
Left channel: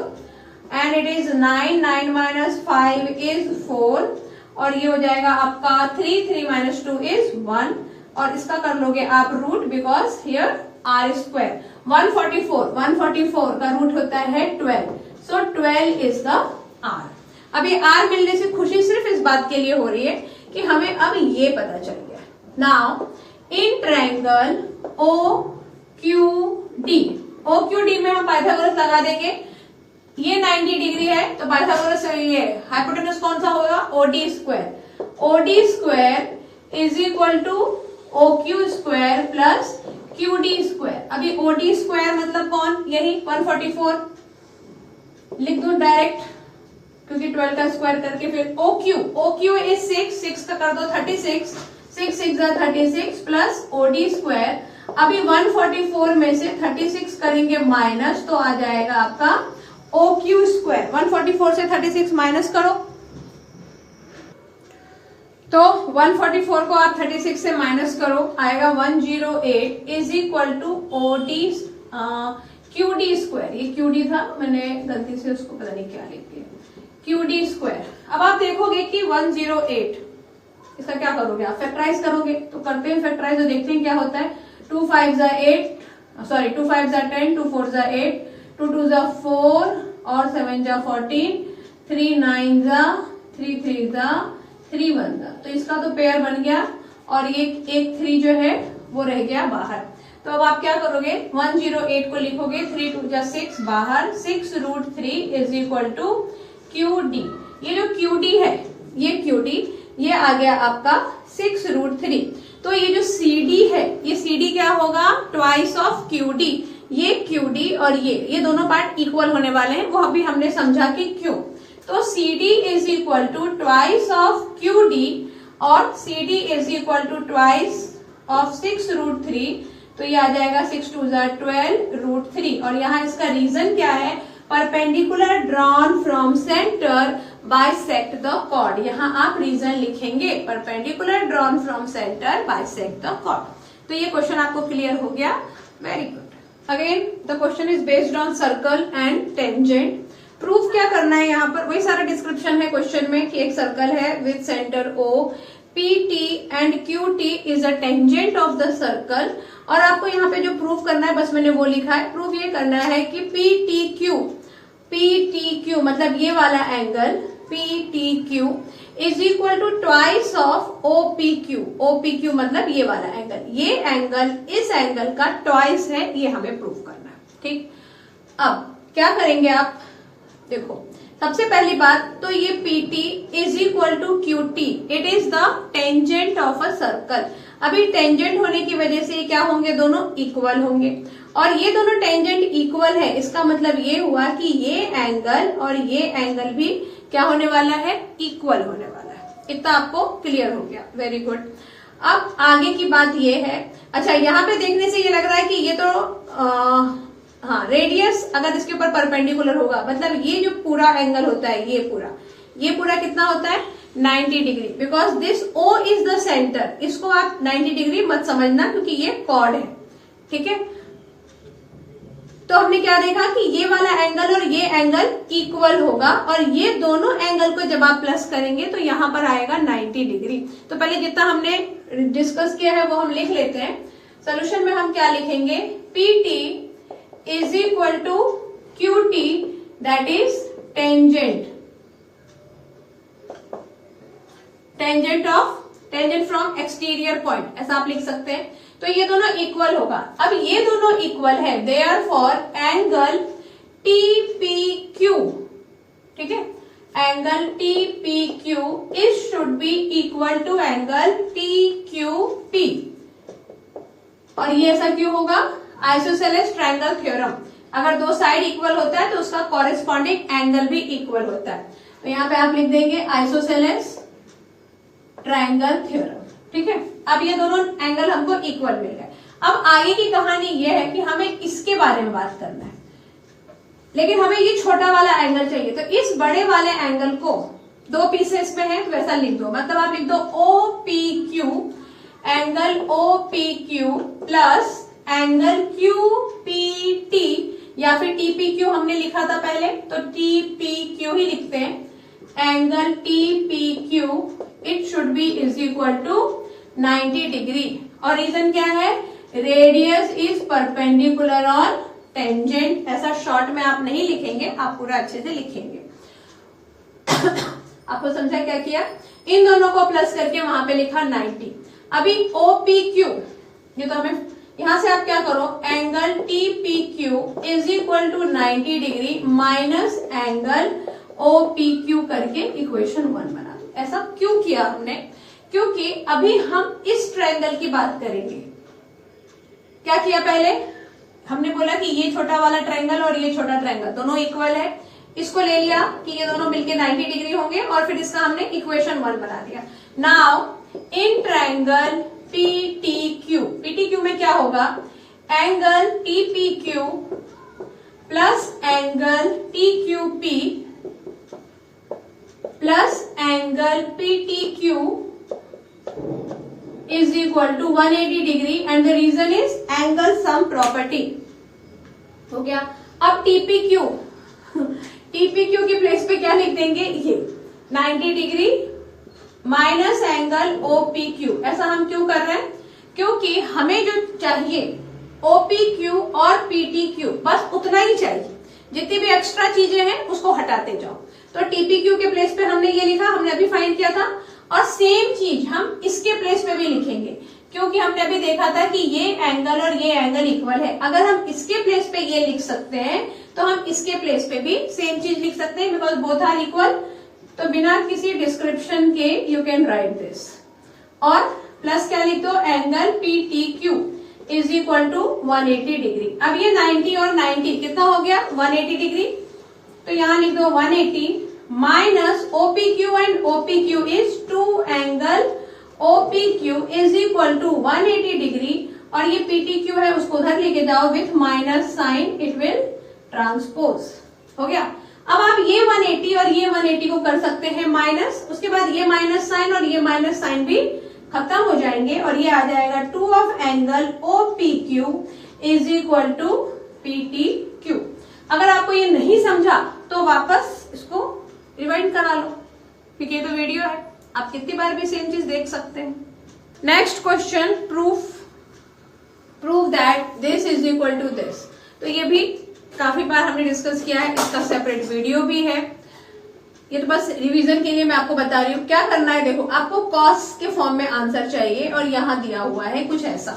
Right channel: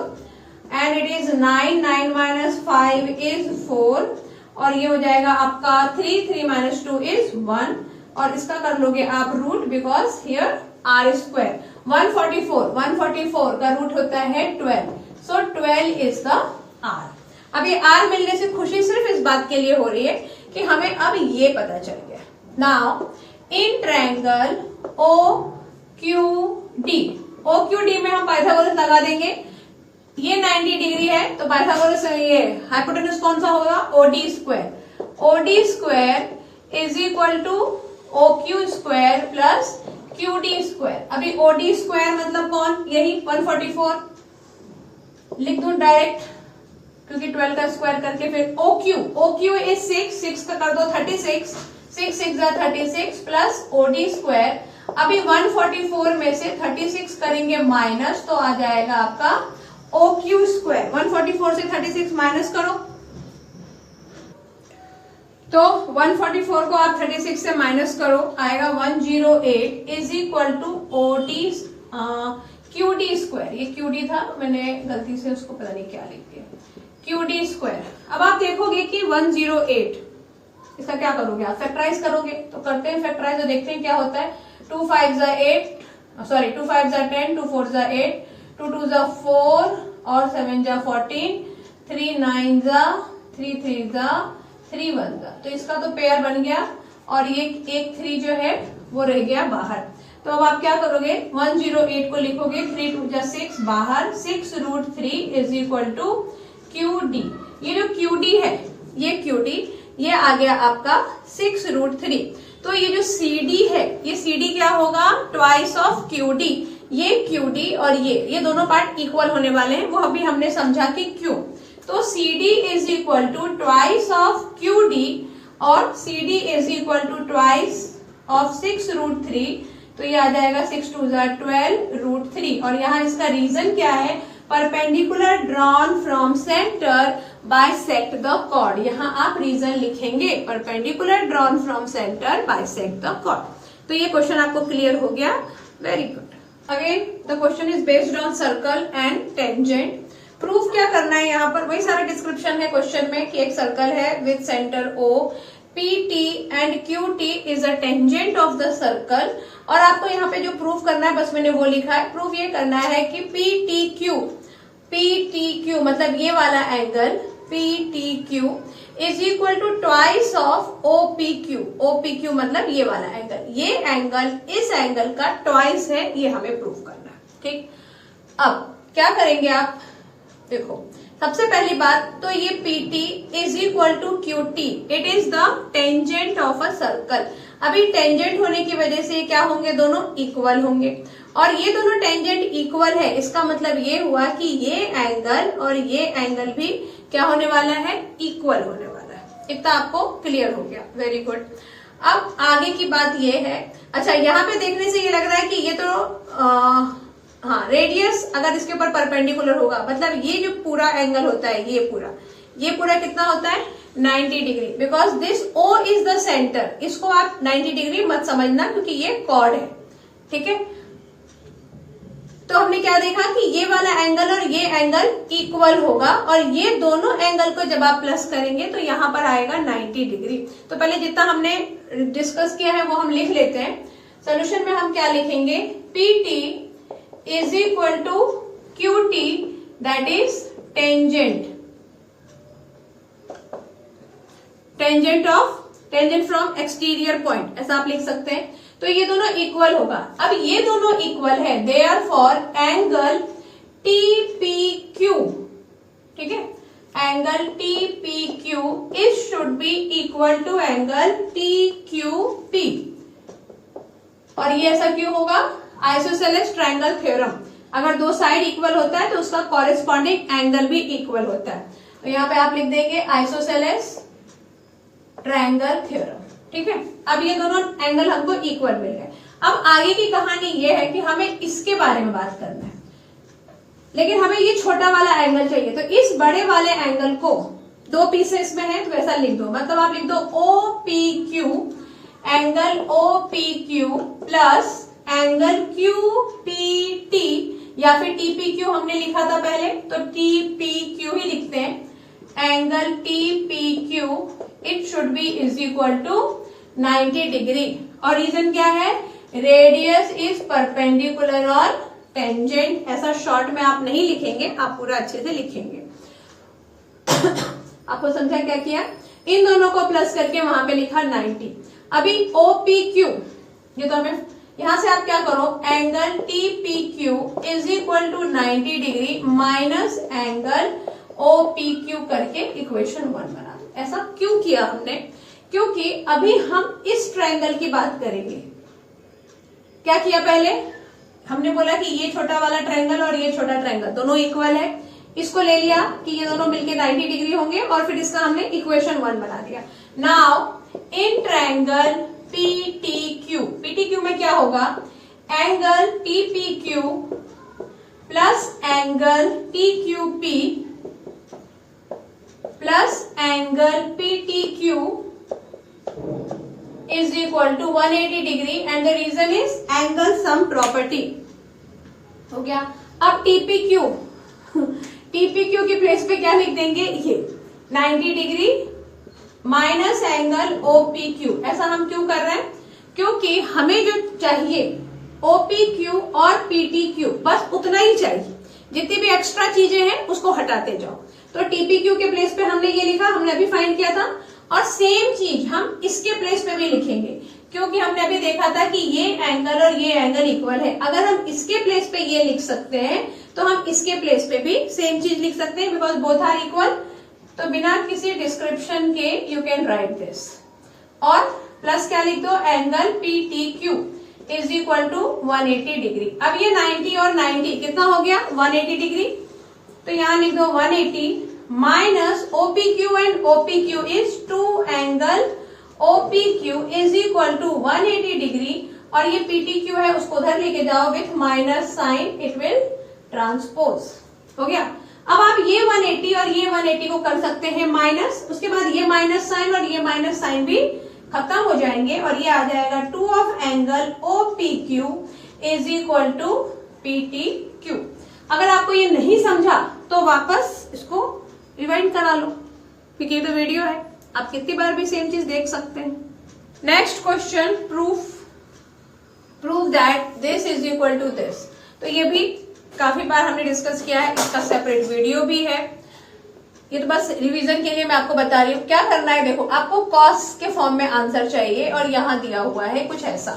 and it is 9, 9 minus 5 is 4, और ये हो जाएगा आपका 3 माइनस 2 इज 1, और इसका कर लोगे आप root because here R square. 144 का रूट होता है 12, सो 12 इज द R। अभी R मिलने से खुशी सिर्फ इस बात के लिए हो रही है कि हमें अब ये पता चल गया। नाउ इन ट्रायंगल OQD में हम पाइथागोरस लगा देंगे। ये 90 डिग्री है तो पाइथागोरस, ये हाइपोटेनस कौन सा होगा, OD square. OD square is equal to OQ square plus QD square. अभी OD स्क्वायर मतलब कौन, यही 144 लिख दो डायरेक्ट, क्योंकि 12 का स्क्वायर करके फिर OQ इज 6 का कर दो 36, 6 6 36 प्लस OD स्क्वायर। अभी 144 में से 36 करेंगे माइनस तो आ जाएगा आपका OQ स्क्वायर। 144 से 36 माइनस करो तो 144 को आप 36 से माइनस करो, आएगा 108 is equal to QD square. ये QD था, मैंने गलती से उसको पता नहीं क्या लिख दिया, QD स्क्वायर। अब आप देखोगे कि 108, इसका क्या करोगे आप, फैक्टराइज करोगे, तो करते हैं फैक्टराइज, तो देखते हैं क्या होता है। 2 5 जा 8, सॉरी 2 5 जा 10, 2 4 जा 8, 2 2 जा 4 और 7 जा 14, 3 9 जा 3 3 जा 3 1 तो इसका तो पेयर बन गया और ये एक 3 जो है वो रह गया बाहर। तो अब आप क्या करोगे, 108 को लिखोगे 3 2 जा 6 बाहर, 6√3 इज इक्वल टू QD। ये जो QD है ये QD ये आ गया आपका 6√3। तो ये जो CD है ये CD क्या होगा, ट्वाइस ऑफ QD। ये QD और ये दोनों पार्ट इक्वल होने वाले हैं, वो अभी हमने समझा कि क्यों। तो CD is equal to twice of QD और CD is equal to twice of 6√3। तो ये आ जाएगा 6 2 जा 12√3। और यहाँ इसका रीजन क्या है, perpendicular drawn from centre bisect the chord. यहाँ आप रीजन लिखेंगे, perpendicular drawn from centre bisect the chord. तो ये क्वेश्चन आपको क्लियर हो गया, very good. Again the question is based on circle and tangent. Proof क्या करना है, यहाँ पर वही सारा डिस्क्रिप्शन है क्वेश्चन में कि एक सर्कल है with centre O, PT and QT is a tangent of the circle. और आपको यहाँ पे जो प्रूफ करना है बस मैंने वो लिखा है। प्रूफ ये करना है कि PTQ मतलब ये वाला angle PTQ is equal to twice of OPQ मतलब ये वाला एंगल, ये एंगल इस एंगल का ट्वाइस है, ये हमें प्रूफ करना है। ठीक, अब क्या करेंगे आप, देखो सबसे पहली बात तो ये PT is equal to QT, it is the tangent of a circle. अभी टेंजेंट होने की वजह से क्या होंगे, दोनों इक्वल होंगे। और ये दोनों टेंजेंट इक्वल है, इसका मतलब ये हुआ कि ये एंगल और ये एंगल भी क्या होने वाला है, इक्वल होने वाला है। इतना आपको क्लियर हो गया, वेरी गुड। अब आगे की बात ये है, अच्छा यहाँ पे देखने से ये लग रहा है कि ये तो हाँ रेडियस अगर इसके ऊपर परपेंडिकुलर होगा, मतलब ये जो पूरा एंगल होता है ये पूरा कितना होता है, 90 degree, because this O is the centre. इसको आप 90 डिग्री मत समझना क्योंकि ये कॉर्ड है, ठीक है। तो हमने क्या देखा कि ये वाला एंगल और ये एंगल इक्वल होगा और ये दोनों एंगल को जब आप प्लस करेंगे तो यहां पर आएगा 90 डिग्री। तो पहले जितना हमने डिस्कस किया है वो हम लिख लेते हैं। सोल्यूशन में हम क्या लिखेंगे, PT is equal to QT that is tangent from exterior point, ऐसा आप लिख सकते हैं। तो ये दोनों इक्वल होगा। अब ये दोनों इक्वल है, देयरफॉर एंगल TPQ, ठीक है, angle TPQ is should be equal to angle TQP। और ये ऐसा क्यों होगा, आइसोसेलेस ट्रायंगल थ्योरम। अगर दो साइड इक्वल होता है तो उसका कॉरेस्पॉन्डिंग एंगल भी इक्वल होता है। तो यहाँ पे आप लिख देंगे आइसोसेलेस ट्रायंगल थ्योरम, ठीक है। अब ये दोनों एंगल हमको इक्वल मिल गए। अब आगे की कहानी ये है कि हमें इसके बारे में बात करना है, लेकिन हमें ये छोटा वाला एंगल चाहिए। तो इस बड़े वाले एंगल को दो पीसेस में है तो ऐसा लिख दो, मतलब आप लिख दो OPQ, angle OPQ plus angle QPT, या फिर TPQ हमने लिखा था पहले तो TPQ ही लिखते हैं। Angle TPQ it should be is equal to 90 degree. और रीजन क्या है, radius is perpendicular on tangent. ऐसा शॉर्ट में आप नहीं लिखेंगे, आप पूरा अच्छे से लिखेंगे। आपको समझा क्या किया, इन दोनों को प्लस करके वहां पे लिखा 90। अभी OPQ, ये तो हमें यहां से आप क्या करो, angle TPQ is equal to 90 degree minus angle OPQ करके इक्वेशन 1 बना दो। ऐसा क्यों किया हमने, क्योंकि अभी हम इस ट्रायंगल की बात करेंगे। क्या किया, पहले हमने बोला कि ये छोटा वाला ट्रायंगल और ये छोटा ट्रायंगल दोनों इक्वल है। इसको ले लिया कि ये दोनों मिलके 90 डिग्री होंगे और फिर इसका हमने इक्वेशन 1 बना दिया। नाउ इन ट्रायंगल PTQ में क्या होगा, angle TPQ plus angle TQP plus angle PTQ is equal to 180 degree and the reason is angle sum property. हो गया। अब TPQ की प्लेस पे क्या लिख देंगे, ये 90 डिग्री माइनस एंगल OPQ। ऐसा हम क्यों कर रहे हैं, क्योंकि हमें जो चाहिए OPQ और PTQ बस उतना ही चाहिए, जितनी भी एक्स्ट्रा चीजें हैं उसको हटाते जाओ। तो TPQ के प्लेस पे हमने ये लिखा, हमने अभी फाइंड किया था, और सेम चीज हम इसके प्लेस पे भी लिखेंगे, क्योंकि हमने अभी देखा था कि ये एंगल और ये एंगल इक्वल है। अगर हम इसके प्लेस पे ये लिख सकते हैं तो हम इसके प्लेस पे भी सेम चीज लिख सकते हैं, बिकॉज बोथ आर इक्वल। तो बिना किसी डिस्क्रिप्शन के यू कैन राइट दिस। और प्लस क्या लिख दो, angle PTQ is equal to 180 degree. अब ये 90 और 90 कितना हो गया, 180 डिग्री। तो यहां लिख दो 180 minus OPQ, and OPQ is 2 angle OPQ is equal to 180 degree. और ये PTQ है उसको उधर लेके जाओ with minus sign, it will transpose. हो गया। अब आप ये 180 और ये 180 को कर सकते हैं माइनस, उसके बाद ये माइनस साइन और ये माइनस साइन भी खत्म हो जाएंगे और ये आ जाएगा 2 of angle OPQ is equal to PTQ। अगर आपको ये नहीं समझा तो वापस इसको रिवाइंड करा लो, क्योंकि ये तो वीडियो है, आप कितनी बार भी सेम चीज देख सकते हैं। Next question, prove that this is equal to this. तो ये भी काफी बार हमने डिस्कस किया है, इसका सेपरेट वीडियो भी है। ये तो बस रिवीजन के लिए मैं आपको बता रही हूँ। क्या करना है, देखो आपको कॉस के फॉर्म में आंसर चाहिए और यहाँ दिया हुआ है कुछ ऐसा।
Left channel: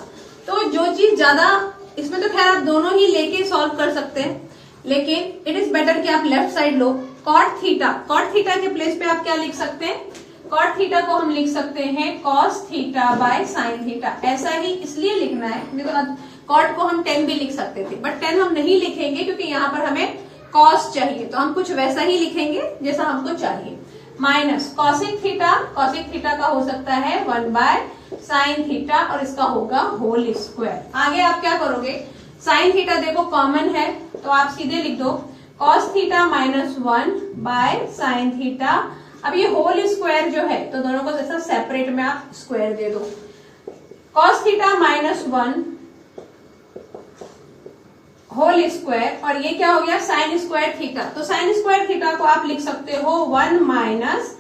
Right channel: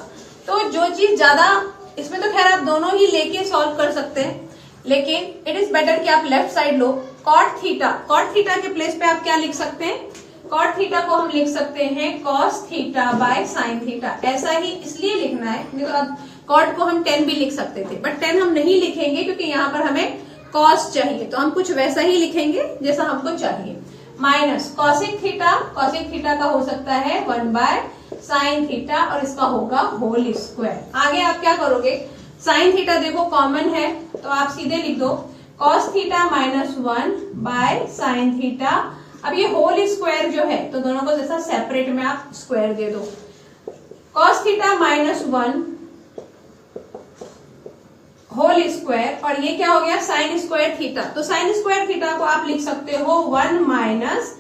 तो जो चीज ज्यादा, इसमें तो खैर आप दोनों ही लेके सॉल्व कर सकते हैं, लेकिन इट इज बेटर कि आप लेफ्ट साइड लो। कॉट थीटा के प्लेस पे आप क्या लिख सकते हैं, कॉट थीटा को हम लिख सकते हैं cos theta by sine theta. ऐसा ही इसलिए लिखना है, नहीं तो अब कॉट को हम 10 भी लिख सकते थे, बट 10 हम नहीं लिखेंगे क्योंकि यहाँ पर हमें कॉस चाहिए, तो हम कुछ वैसा ही लिखेंगे जैसा हमको चाहिए। माइनस कॉसिक थीटा का हो सकता है 1 बाय साइन थीटा और इसका होगा होल स्क्वायर। आगे आप क्या करोगे, साइन थीटा देखो कॉमन है तो आप सीधे लिख दो cos theta minus 1 bye sine theta. अब ये होल स्क्वायर जो है तो दोनों को जैसा सेपरेट में आप स्क्वायर दे दो। Cos theta minus 1 whole square और ये क्या हो गया, साइन स्क्वायर थीटा। तो साइन स्क्वायर थीटा को आप लिख सकते हो 1 minus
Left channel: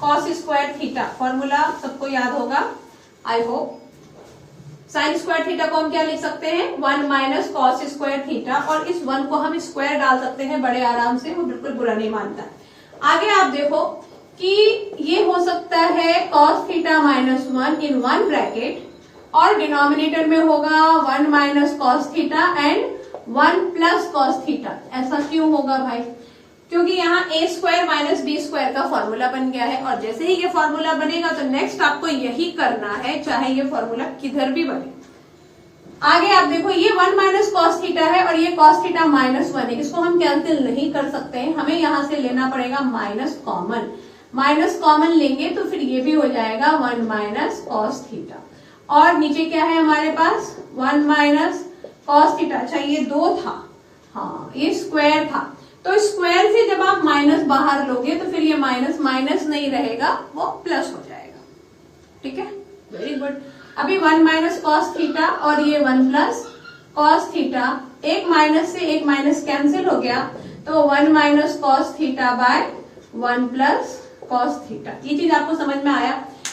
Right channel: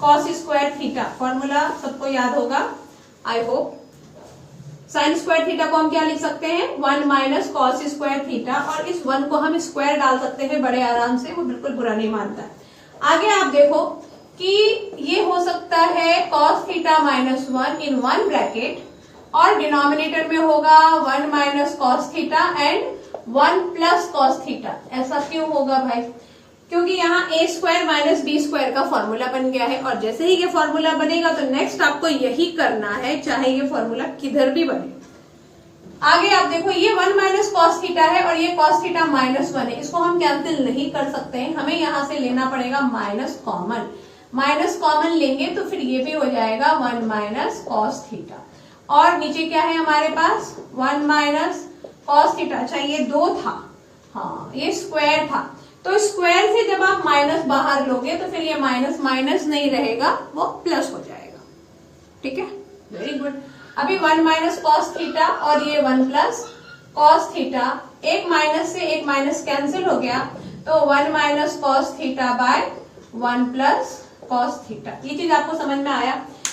cos square theta. Formula सबको याद होगा I hope. Sine square theta को हम क्या लिख सकते हैं, 1 माइनस कॉस स्क्वायर थीटा, और इस 1 को हम स्क्वायर डाल सकते हैं बड़े आराम से, वो बिल्कुल बुरा नहीं मानता है। आगे आप देखो कि ये हो सकता है cos theta minus 1 in 1 bracket और डिनोमिनेटर में होगा 1 minus cos theta and 1 plus cos theta. ऐसा क्यों होगा भाई, क्योंकि यहाँ a square minus b square का फॉर्मूला बन गया है और जैसे ही ये फॉर्मूला बनेगा तो नेक्स्ट आपको यही करना है, चाहे ये फॉर्मूला किधर भी बने। आगे आप देखो ये 1 माइनस कॉस थीटा है और ये कॉस थीटा माइनस 1 है, इसको हम कैंसिल नहीं कर सकते हैं, हमें यहां से लेना पड़ेगा माइनस कॉमन लेंगे तो फिर ये भी हो जाएगा 1 माइनस कॉस थीटा। और नीचे क्या है हमारे पास 1 माइनस कॉस थीटा। अच्छा ये 2 था, हाँ ये स्क्वायर था, तो स्क्वायर से जब आप माइनस बाहर लोगे तो फिर ये माइनस माइनस नहीं रहेगा, वो प्लस हो जाएगा। ठीक है, वेरी गुड। अभी 1 माइनस कॉस थीटा और ये 1 प्लस कॉस थीटा, एक माइनस से एक माइनस कैंसिल हो गया तो 1 minus cos theta by 1 plus cos theta. ये चीज आपको समझ में आया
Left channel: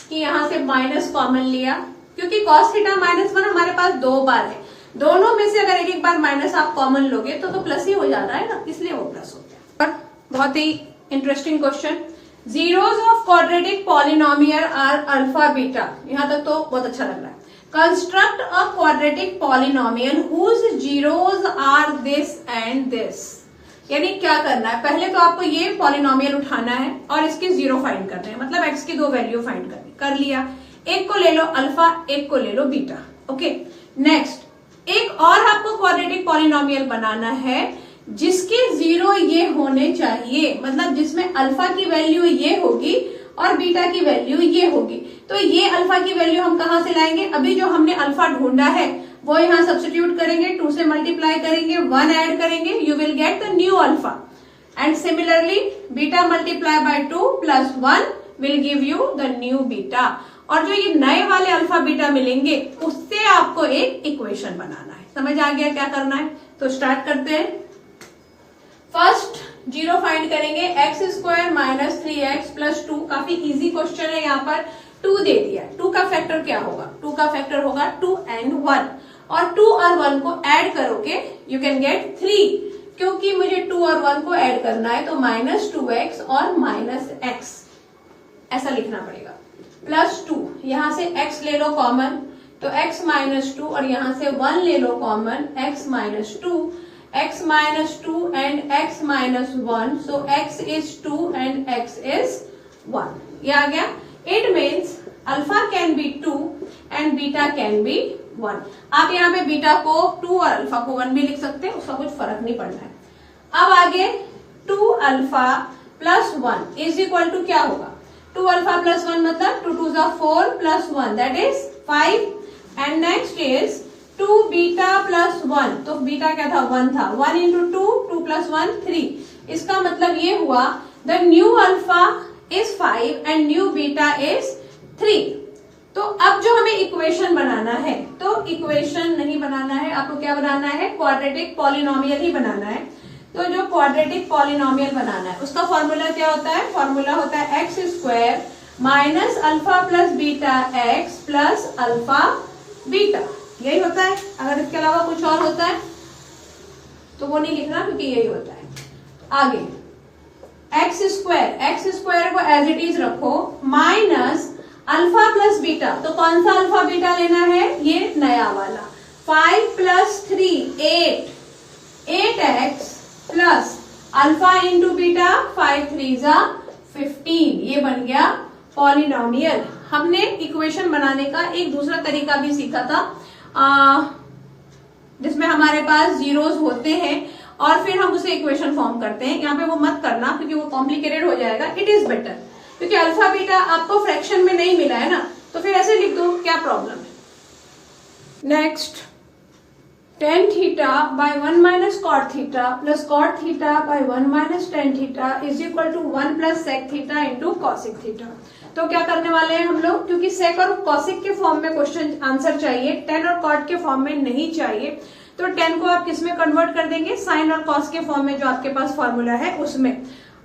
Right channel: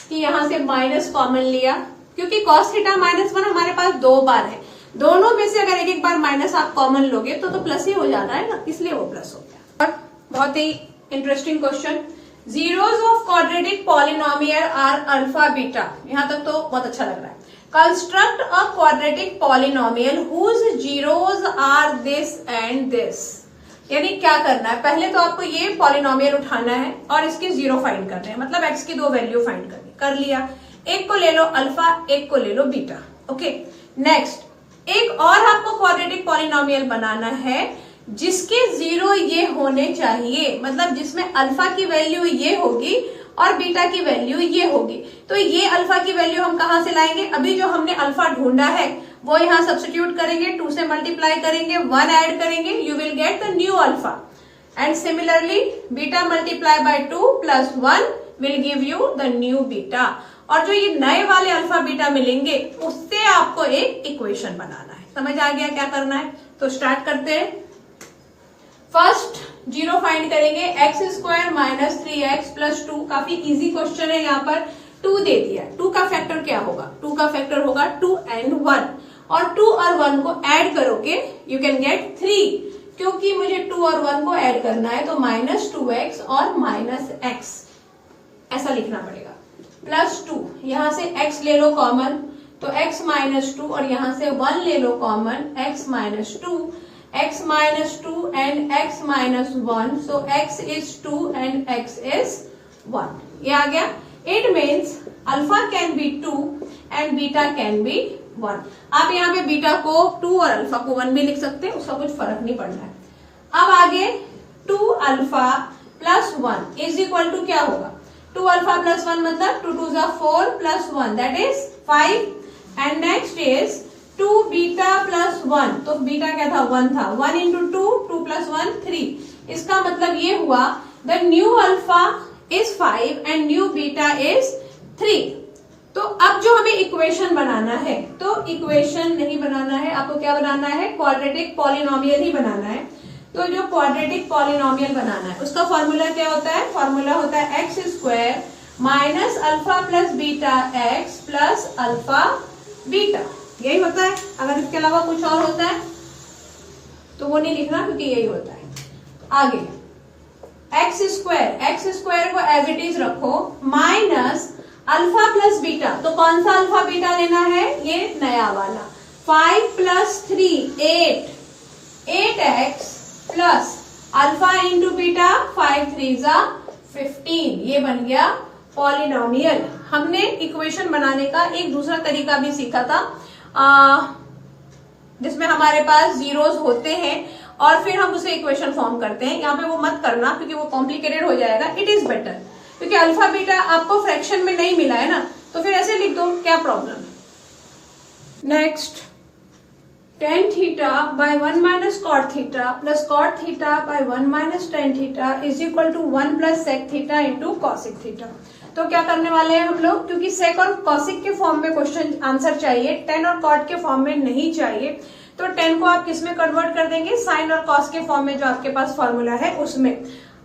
कि यहां से माइनस कॉमन लिया, क्योंकि कॉस थीटा माइनस 1 हमारे पास 2 बार है, दोनों में से अगर एक एक बार माइनस आप कॉमन लोगे तो प्लस ही हो जाता है ना, इसलिए वो प्लस हो गया। और बहुत ही interesting question, zeros of quadratic polynomial are alpha beta. यहां तक तो बहुत अच्छा लग रहा है। Construct a quadratic polynomial whose zeros are this and this. यानी क्या करना है, पहले तो आपको ये पॉलिनोमियल उठाना है और इसके जीरो फाइंड करने हैं, मतलब एक्स की 2 वैल्यू फाइंड करनी। कर लिया, एक को ले लो अल्फा, एक को ले लो बीटा। ओके, नेक्स्ट एक और आपको क्वाड्रेटिक पॉलिनोमियल बनाना है जिसके जीरो ये होने चाहिए, मतलब जिसमें अल्फा की वैल्यू ये होगी और बीटा की वैल्यू ये होगी। तो ये अल्फा की वैल्यू हम कहां से लाएंगे, अभी जो हमने अल्फा ढूंढा है वो यहां सब्स्टिट्यूट करेंगे, 2 से मल्टीप्लाई करेंगे, 1 ऐड करेंगे, you will get the new alpha. And similarly beta multiply by 2 plus 1 will give you the new beta. और जो ये नए वाले अल्फा बीटा मिलेंगे उससे आपको एक इक्वेशन बनाना है। समझ आ गया क्या करना है, तो स्टार्ट करते हैं। फर्स्ट जीरो फाइंड करेंगे, x square minus 3x plus 2। काफी इजी क्वेश्चन है, यहाँ पर 2 दे दिया, 2 का फैक्टर क्या होगा, 2 का फैक्टर होगा 2 and 1, और 2 और 1 को ऐड करोगे यू कैन गेट 3, क्योंकि मुझे 2 और 1 को ऐड करना है तो माइनस 2x और माइनस x। ऐसा लिखना पड़ेगा। +2, यहां से x ले लो कॉमन, तो x -2 और यहां से 1 ले लो common, x -2 and x -1, so x is 2 and x is 1, ये आ गया। It means alpha can be 2 and beta can be 1। आप यहाँ पे बीटा को 2 और अल्फा को 1 भी लिख सकते हैं, उसका कुछ फर्क नहीं पड़ना है। अब आगे 2 alpha plus 1 is equal to क्या होगा, 2 अल्फा प्लस 1 मतलब 2 2 4 plus 1 that is 5, and next is 2 beta plus 1, तो बीटा क्या था, 1 था, 1 इंटू 2, 2 प्लस 1 3। इसका मतलब ये हुआ the new alpha is 5 and new beta is 3। तो अब जो हमें इक्वेशन बनाना है, तो इक्वेशन नहीं बनाना है, आपको क्या बनाना है, क्वाड्रेटिक पॉलिनोमियल ही बनाना है। तो जो क्वाड्रेटिक पॉलिनोमियल बनाना है उसका फॉर्मूला क्या होता है, फॉर्मूला होता है x square minus alpha plus beta x plus alpha beta, यही होता है। अगर इसके अलावा कुछ और होता है तो वो नहीं लिखना, क्योंकि यही होता है। आगे एक्स स्क्वायर को एज इट इज रखो, माइनस अल्फा प्लस बीटा, तो कौन सा अल्फा बीटा लेना है, ये नया वाला, 5 plus 3 8x plus alpha into beta 5 3 जा 15, ये बन गया पॉलिनोमियल। हमने इक्वेशन बनाने का एक दूसरा तरीका भी सीखा था, जिसमें हमारे पास जीरोस होते हैं और फिर हम उसे इक्वेशन फॉर्म करते हैं। यहाँ पे वो मत करना, क्योंकि वो कॉम्प्लिकेटेड हो जाएगा। इट इज बेटर, क्योंकि अल्फा बीटा आपको फ्रैक्शन में नहीं मिला है ना, तो फिर ऐसे लिख दो, क्या प्रॉब्लम है। Next tan theta by 1 minus cot theta plus cot theta by 1 minus tan theta is equal to 1 plus sec theta into cosec theta. तो क्या करने वाले हैं हम लोग, क्योंकि सेक और कॉसिक के फॉर्म में क्वेश्चन आंसर चाहिए, tan और कॉट के फॉर्म में नहीं चाहिए, तो tan को आप किस में कन्वर्ट कर देंगे, साइन और कॉस के फॉर्म में जो आपके पास फॉर्मूला है उसमें।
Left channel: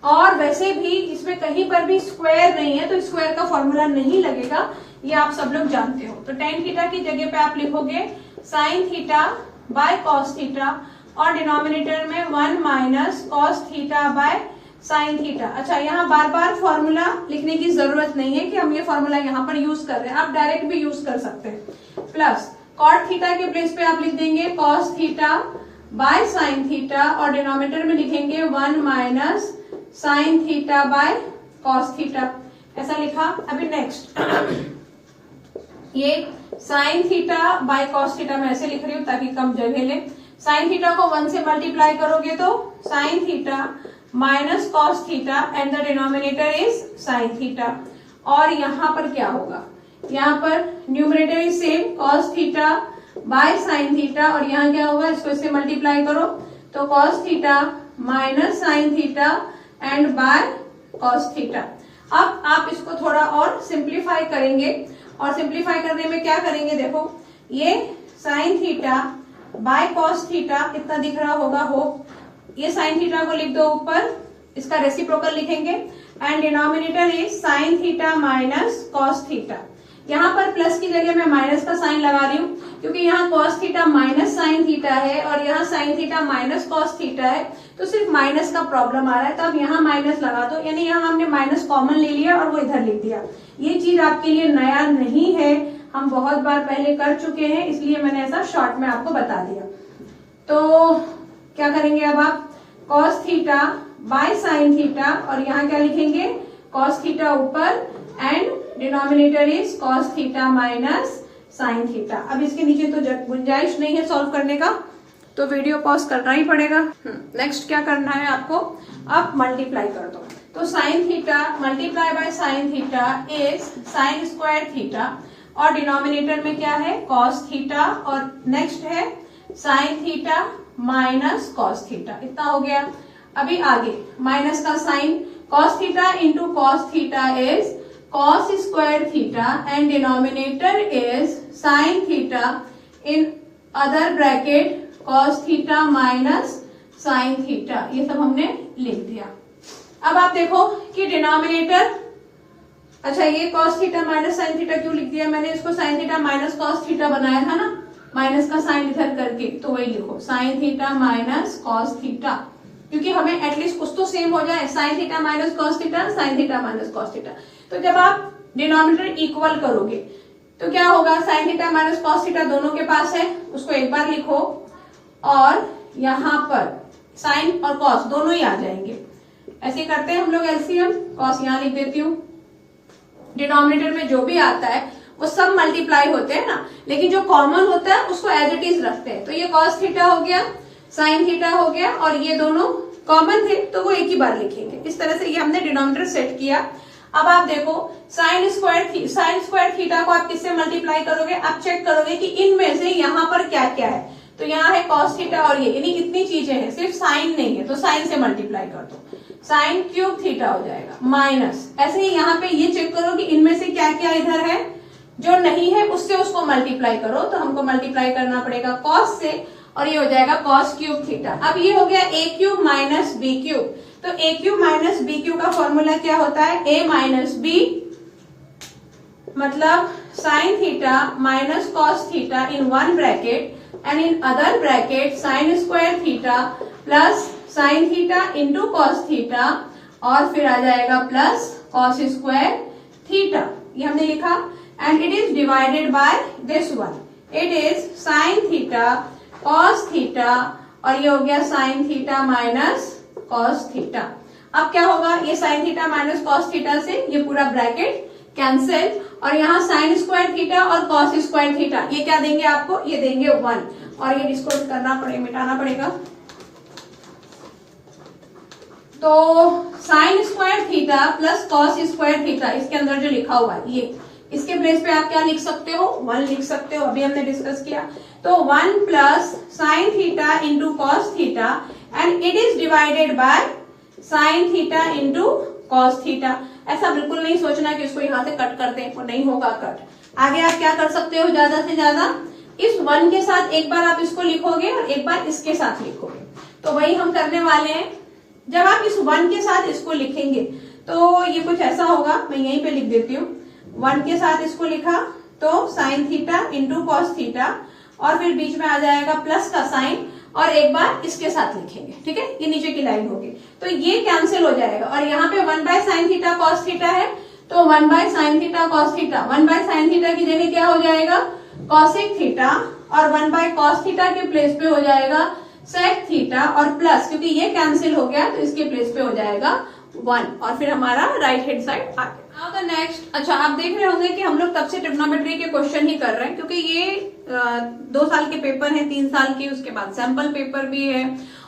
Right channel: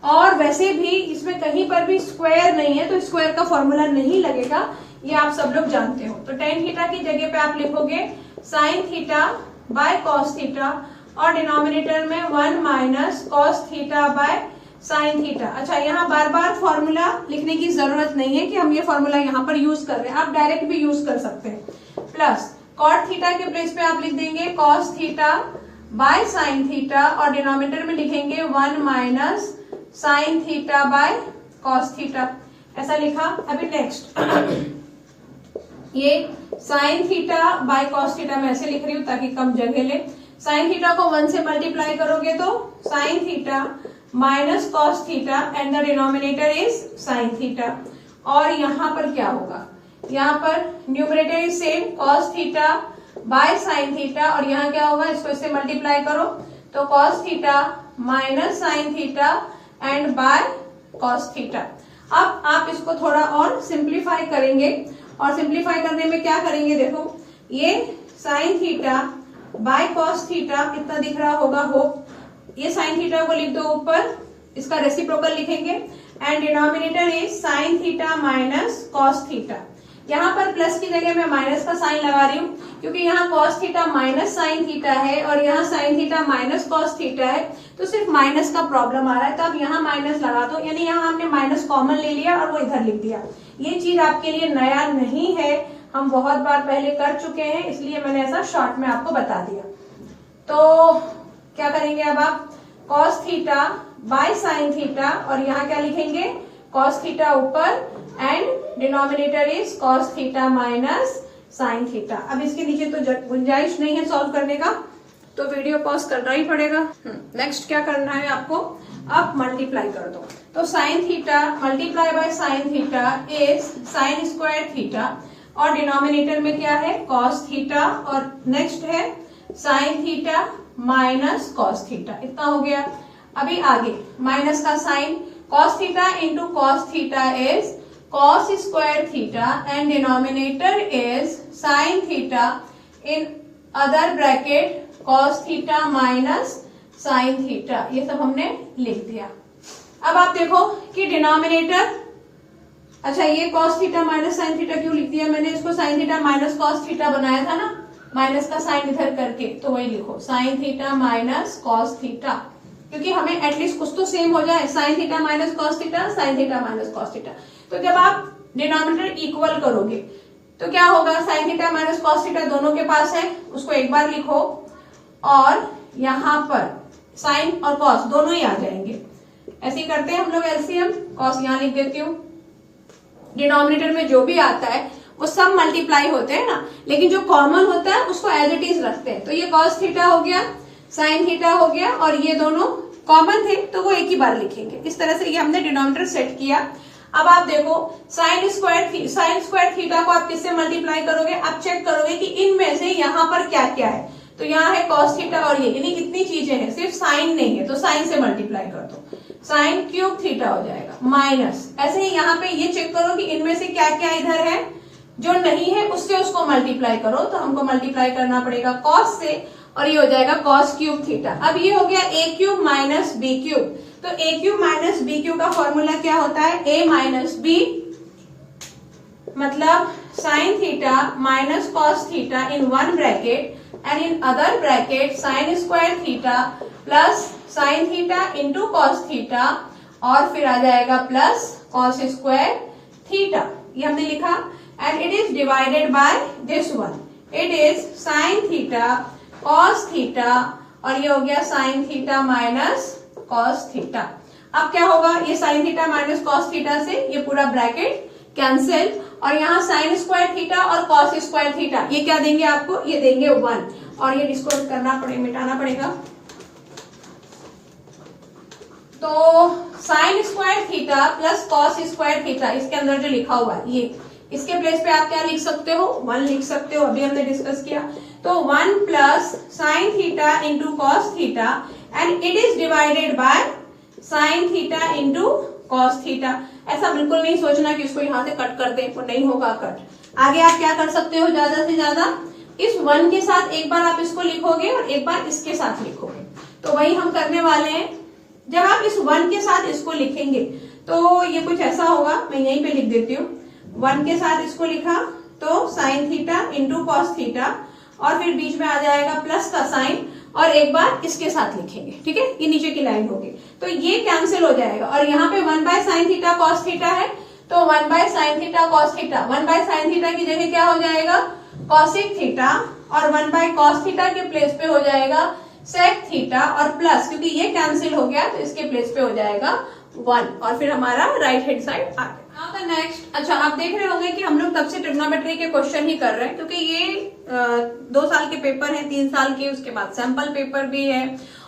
और वैसे भी इसमें कहीं पर भी स्क्वायर नहीं है, तो स्क्वायर का फॉर्मूला नहीं लगेगा, ये आप सब लोग जानते हो। तो tan थीटा की जगह पे आप लिखोगे sine theta by cos theta, और डिनोमिनेटर में 1 minus cos theta by sine theta. अच्छा, यहाँ बार बार फॉर्मूला लिखने की जरूरत नहीं है कि हम ये फॉर्मूला यहाँ पर यूज कर रहे हैं, आप डायरेक्ट भी यूज कर सकते हैं। प्लस कॉट थीटा के प्लेस पे आप लिख देंगे cos theta by sine theta, और डिनोमिनेटर में लिखेंगे 1 minus sine theta by cos theta, ऐसा लिखा। अभी नेक्स्ट ये sine theta by cos theta मैं ऐसे लिख रही हूं ताकि कम जगह ले। साइन थीटा को 1 से मल्टीप्लाई करोगे तो sine theta minus cos theta and the denominator is sine theta. और यहाँ पर क्या होगा, यहाँ पर numerator is same cos theta by sine theta, और यहाँ क्या होगा, इसको इससे मल्टीप्लाई करो तो cos theta minus sine theta and by cos theta. अब आप इसको थोड़ा और सिंप्लीफाई करेंगे, और सिंप्लीफाई करने में क्या करेंगे, देखो ये sine theta by cos theta कितना दिख रहा होगा, हो ये साइन थीटा को लिख दो ऊपर, इसका रेसिप्रोकल लिखेंगे, and denominator is sine theta minus cos theta. यहाँ पर प्लस की जगह मैं माइनस का साइन लगा रही हूँ, क्योंकि यहाँ cos theta minus sine theta है और यहाँ sign theta minus cos theta है, तो सिर्फ माइनस का प्रॉब्लम आ रहा है, तो अब यहाँ माइनस लगा दो, यानी यहाँ हमने माइनस कॉमन ले लिया और वो इधर लिख दिया। ये चीज आपके लिए नया नहीं है, हम बहुत बार पहले कर चुके हैं, इसलिए मैंने ऐसा शॉर्ट में आपको बता दिया। तो क्या करेंगे अब आप, cos theta by sine theta, और यहाँ क्या लिखेंगे, कॉस थीटा ऊपर and denominator is cos theta minus sine theta. अब इसके नीचे तो गुंजाइश नहीं है सॉल्व करने का, तो वीडियो पॉज करना ही पड़ेगा। नेक्स्ट क्या करना है आपको, अब मल्टीप्लाई कर दो, तो sine theta multiply by sine theta is sine square theta, और डिनोमिनेटर में क्या है, कॉस थीटा, और नेक्स्ट है sine theta minus cos theta, इतना हो गया। अभी आगे माइनस का sign, cos theta into cos theta is cos square theta and denominator is sin theta in other bracket cos theta minus sin theta, ये सब हमने लिख दिया। अब आप देखो कि डिनोमिनेटर, अच्छा ये cos theta minus sine theta क्यों लिख दिया मैंने, इसको sign theta minus cos theta बनाया था ना, माइनस का साइन इधर करके, तो वही लिखो sign theta minus cos theta, क्योंकि हमें एटलीस्ट कुछ तो सेम हो जाए, sign theta minus cos theta, sign theta minus cos theta. तो जब आप डिनोमिनेटर इक्वल करोगे तो क्या होगा, sign theta minus cos theta दोनों के पास है, उसको एक बार लिखो और यहां पर साइन और कॉस दोनों ही आ जाएंगे। ऐसे करते हैं हम लोग एलसीएम, कॉस यहां लिख देती हूँ, डिनोमिनेटर में जो भी आता है वो सब मल्टीप्लाई होते हैं ना, लेकिन जो कॉमन होता है उसको एज इट इज रखते हैं। तो ये कॉस थीटा हो गया, साइन थीटा हो गया, और ये दोनों कॉमन थे तो वो एक ही बार लिखेंगे। इस तरह से ये हमने डिनोमिनेटर सेट किया। अब आप देखो साइन स्क्वायर थीटा को आप किससे मल्टीप्लाई करोगे, आप चेक करोगे कि इनमें से यहाँ पर क्या क्या है। तो यहाँ है कॉस थीटा और ये, यानी इतनी चीजें हैं, सिर्फ साइन नहीं है, तो साइन से मल्टीप्लाई कर दो, साइन क्यूब थीटा हो जाएगा माइनस। ऐसे ही यहाँ पे ये चेक करो कि इनमें से क्या क्या इधर है, जो नहीं है उससे उसको मल्टीप्लाई करो। तो हमको मल्टीप्लाई करना पड़ेगा कॉस से, और ये हो जाएगा कॉस क्यूब थीटा। अब ये हो गया ए क्यूब माइनस बी क्यूब। तो ए क्यूब माइनस बी क्यूब का फॉर्मूला क्या होता है, ए माइनस बी, मतलब sign theta minus cos theta in one bracket and in other bracket sign square theta plus sign theta into cos theta, और फिर आ जाएगा plus cos square theta, ये हमने लिखा। And it is divided by this one, it is sine theta cos theta, और ये हो गया sign theta minus cos theta. अब क्या होगा, ये sign theta minus cos theta से ये पूरा ब्रैकेट कैंसिल, और यहाँ साइन स्क्वायर थीटा और कॉस स्क्वायर थीटा ये क्या देंगे आपको, ये देंगे 1, और ये इसको करना पड़ेगा, मिटाना पड़ेगा। तो sine square theta plus cos square theta, इसके अंदर जो लिखा हुआ है ये, इसके प्लेस पे आप क्या लिख सकते हो, 1 लिख सकते हो, अभी हमने डिस्कस किया। तो 1 plus sign theta into cos theta and it is divided by sine theta into cos theta. ऐसा बिल्कुल नहीं सोचना कि इसको यहां से कट करते हैं, वो नहीं होगा कट। आगे आप क्या कर सकते हो, ज्यादा से ज्यादा इस 1 के साथ एक बार आप इसको लिखोगे और एक बार इसके साथ लिखोगे। तो वही हम करने वाले हैं। जब आप इस 1 के साथ इसको लिखेंगे तो ये कुछ ऐसा होगा, मैं यहीं पे लिख देती हूँ। 1 के साथ इसको लिखा तो sine theta into cos theta, और फिर बीच में आ जाएगा प्लस का साइन, और एक बार इसके साथ लिखेंगे, ठीक है, ये नीचे की लाइन होगी। तो ये कैंसिल हो जाएगा, और यहाँ पे 1 bye sine theta cos theta है, तो 1 bye sine theta cos theta, 1 bye sine theta की जगह क्या हो जाएगा, कॉसिक थीटा, और 1 बाय कॉस थीटा के प्लेस पे हो जाएगा सेक थीटा, और प्लस क्योंकि ये कैंसिल हो गया तो इसके प्लेस पे हो जाएगा 1, और फिर हमारा राइट हैंड साइड आ गया। नाउ द नेक्स्ट, अच्छा आप देख रहे होंगे कि हम लोग तब से ट्रिग्नोमेट्री के क्वेश्चन ही कर रहे हैं, क्योंकि ये 2 साल के पेपर है, 3 साल के, उसके बाद सैंपल पेपर भी है,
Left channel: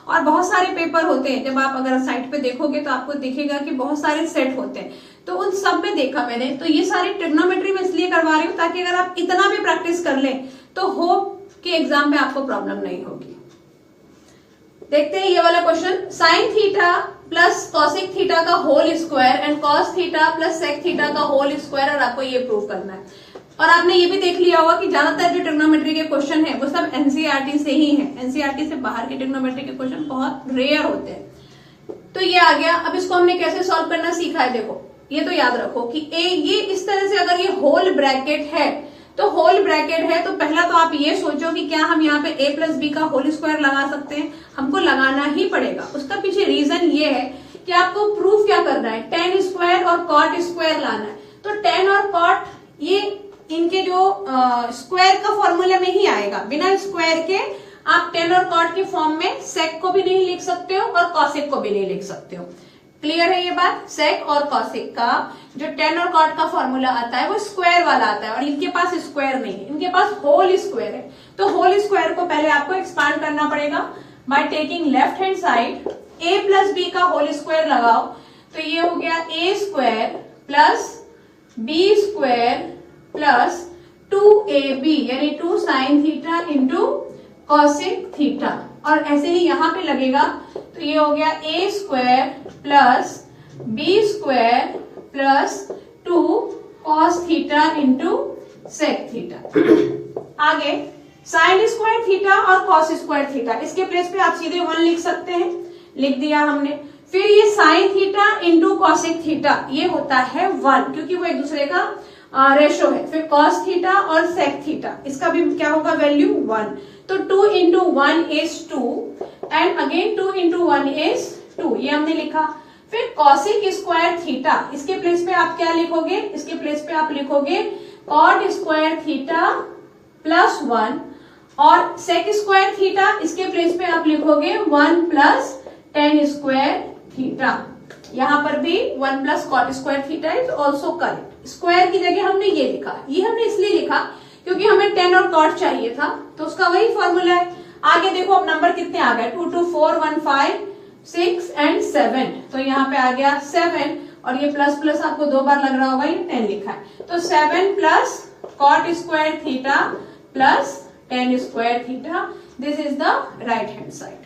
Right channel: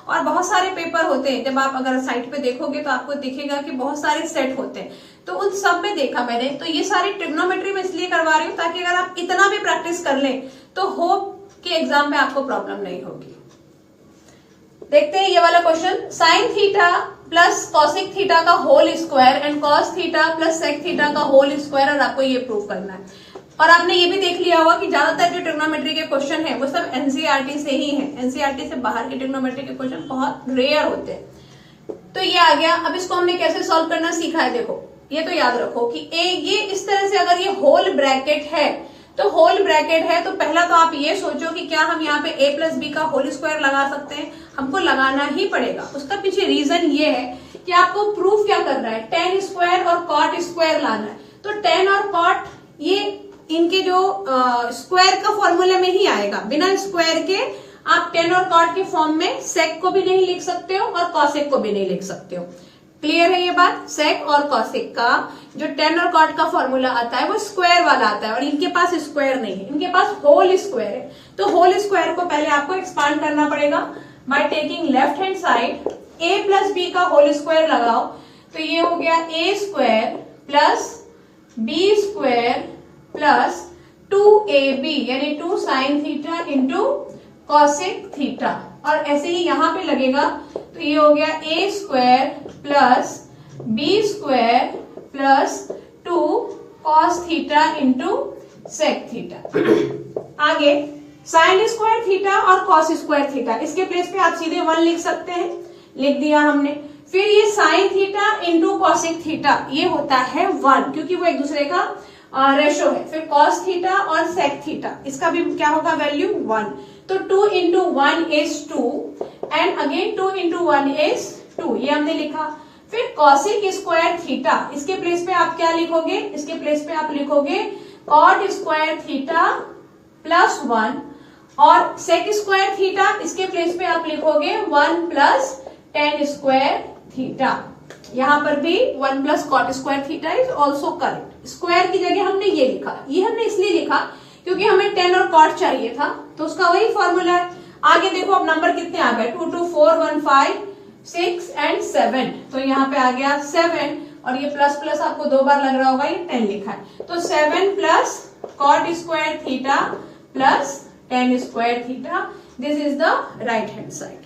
और बहुत सारे पेपर होते हैं। जब आप अगर साइट पे देखोगे तो आपको दिखेगा कि बहुत सारे सेट होते हैं, तो उन सब में देखा मैंने। तो ये सारी ट्रिग्नोमेट्री में इसलिए करवा रही हूँ ताकि अगर आप इतना भी प्रैक्टिस कर लें तो होप कि एग्जाम में आपको प्रॉब्लम नहीं होगी। देखते हैं ये वाला question, sine theta plus cosec theta का whole square and cos theta plus sec theta का होल स्क्वायर, और आपको ये प्रूव करना है। और आपने ये भी देख लिया होगा कि ज्यादातर जो ट्रिग्नोमेट्री के क्वेश्चन है वो सब एनसीईआरटी से ही है, एनसीईआरटी से बाहर के ट्रिग्नोमेट्री के क्वेश्चन बहुत रेयर होते हैं। तो ये आ गया। अब इसको हमने कैसे सॉल्व करना सीखा है, देखो ये तो याद रखो कि ये इस तरह से, अगर ये होल ब्रैकेट है तो होल ब्रैकेट है तो पहला तो आप ये सोचो कि क्या हम यहाँ पे a प्लस बी का होल स्क्वायर लगा सकते हैं, हमको लगाना ही पड़ेगा। उसका पीछे रीजन ये है कि आपको प्रूफ क्या करना है, टेन स्क्वायर और कॉट स्क्वायर लाना है। तो टेन और कॉट ये इनके जो स्क्वायर का फॉर्मूला में ही आएगा, बिना स्क्वायर के आप टेन और कॉट के फॉर्म में सेक को भी नहीं लिख सकते हो और कॉसेक को भी नहीं लिख सकते हो। क्लियर है ये बात, सेक और कॉसेक का जो टेन और कॉट का फॉर्मूला आता है वो स्क्वायर वाला आता है, और इनके पास स्क्वायर नहीं है, इनके पास होल स्क्वायर है। तो होल स्क्वायर को पहले आपको एक्सपांड करना पड़ेगा by taking left hand side, a plus b का होल स्क्वायर लगाओ तो ये हो गया a square plus b square plus 2ab यानी 2 sine theta into cosec theta, और ऐसे ही यहाँ पे लगेगा तो ये हो गया a square plus b square plus 2 cos theta into sec theta. आगे साइन स्क्वायर थीटा और कॉस स्क्वायर थीटा, इसके प्लेस पे आप सीधे 1 लिख सकते हैं, लिख दिया हमने। फिर ये sign theta into cosec theta ये होता है 1, क्योंकि वो एक दूसरे का रेशो है। फिर कॉस थीटा और सेक थीटा, इसका भी क्या होगा वैल्यू 1। तो 2 into 1 is 2 and again 2 into 1 is 2, ये हमने लिखा। फिर कॉसिक स्क्वायर थीटा, इसके प्लेस पे आप क्या लिखोगे, इसके प्लेस पे आप लिखोगे कॉट स्क्वायर थीटा प्लस 1, और सेक स्क्वायर थीटा, इसके प्लेस पे आप लिखोगे 1 प्लस टेन स्क्वायर थीटा। यहां पर भी 1 plus cot square theta is also correct. Square की जगह हमने ये लिखा, ये हमने इसलिए लिखा क्योंकि हमें 10 और कॉट चाहिए था, तो उसका वही फॉर्मूला है। आगे देखो अब नंबर कितने आ गए, 2 2 4 1 5 6 एंड 7, तो यहाँ पे आ गया 7, और ये प्लस प्लस आपको 2 बार लग रहा होगा, ये 10 लिखा है, तो 7 plus cot square theta plus tan square theta, this is the right hand side.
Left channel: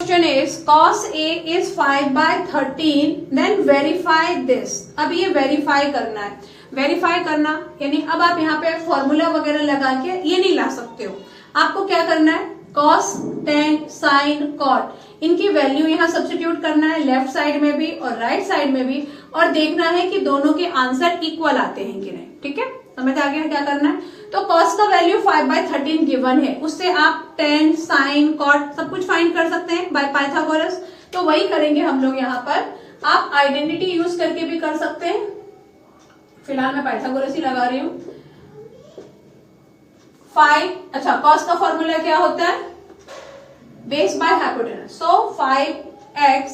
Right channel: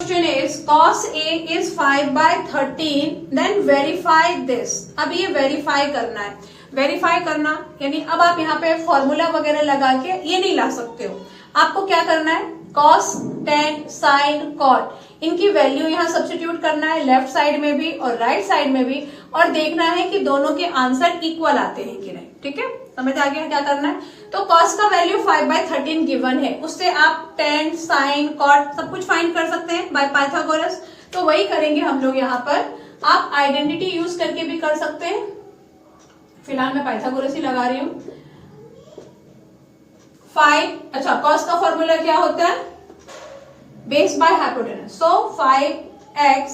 Question is cos A is 5/13, then verify this। अब ये वेरीफाई करना है, वेरीफाई करना यानी अब आप यहाँ पे फॉर्मूला वगैरह लगा के ये नहीं ला सकते हो, आपको क्या करना है, cos, tan, sin, cot, इनकी वैल्यू यहाँ सब्स्टिट्यूट करना है, लेफ्ट साइड में भी और राइट साइड में भी, और देखना है कि दोनों के आंसर इक्वल आते हैं कि नहीं। ठीक है, समझ आ गया क्या करना है। तो cos का वैल्यू 5/13 गिवन है, उससे आप tan, sin, cot सब कुछ फाइंड कर सकते हैं बाय पाइथागोरस, तो वही करेंगे हम लोग यहाँ पर। आप आइडेंटिटी यूज करके भी कर सकते हैं, फिलहाल मैं पाइथागोरस ही लगा रही हूं। 5, अच्छा cos का फॉर्मूला क्या होता है, base by hypotenuse, so 5x,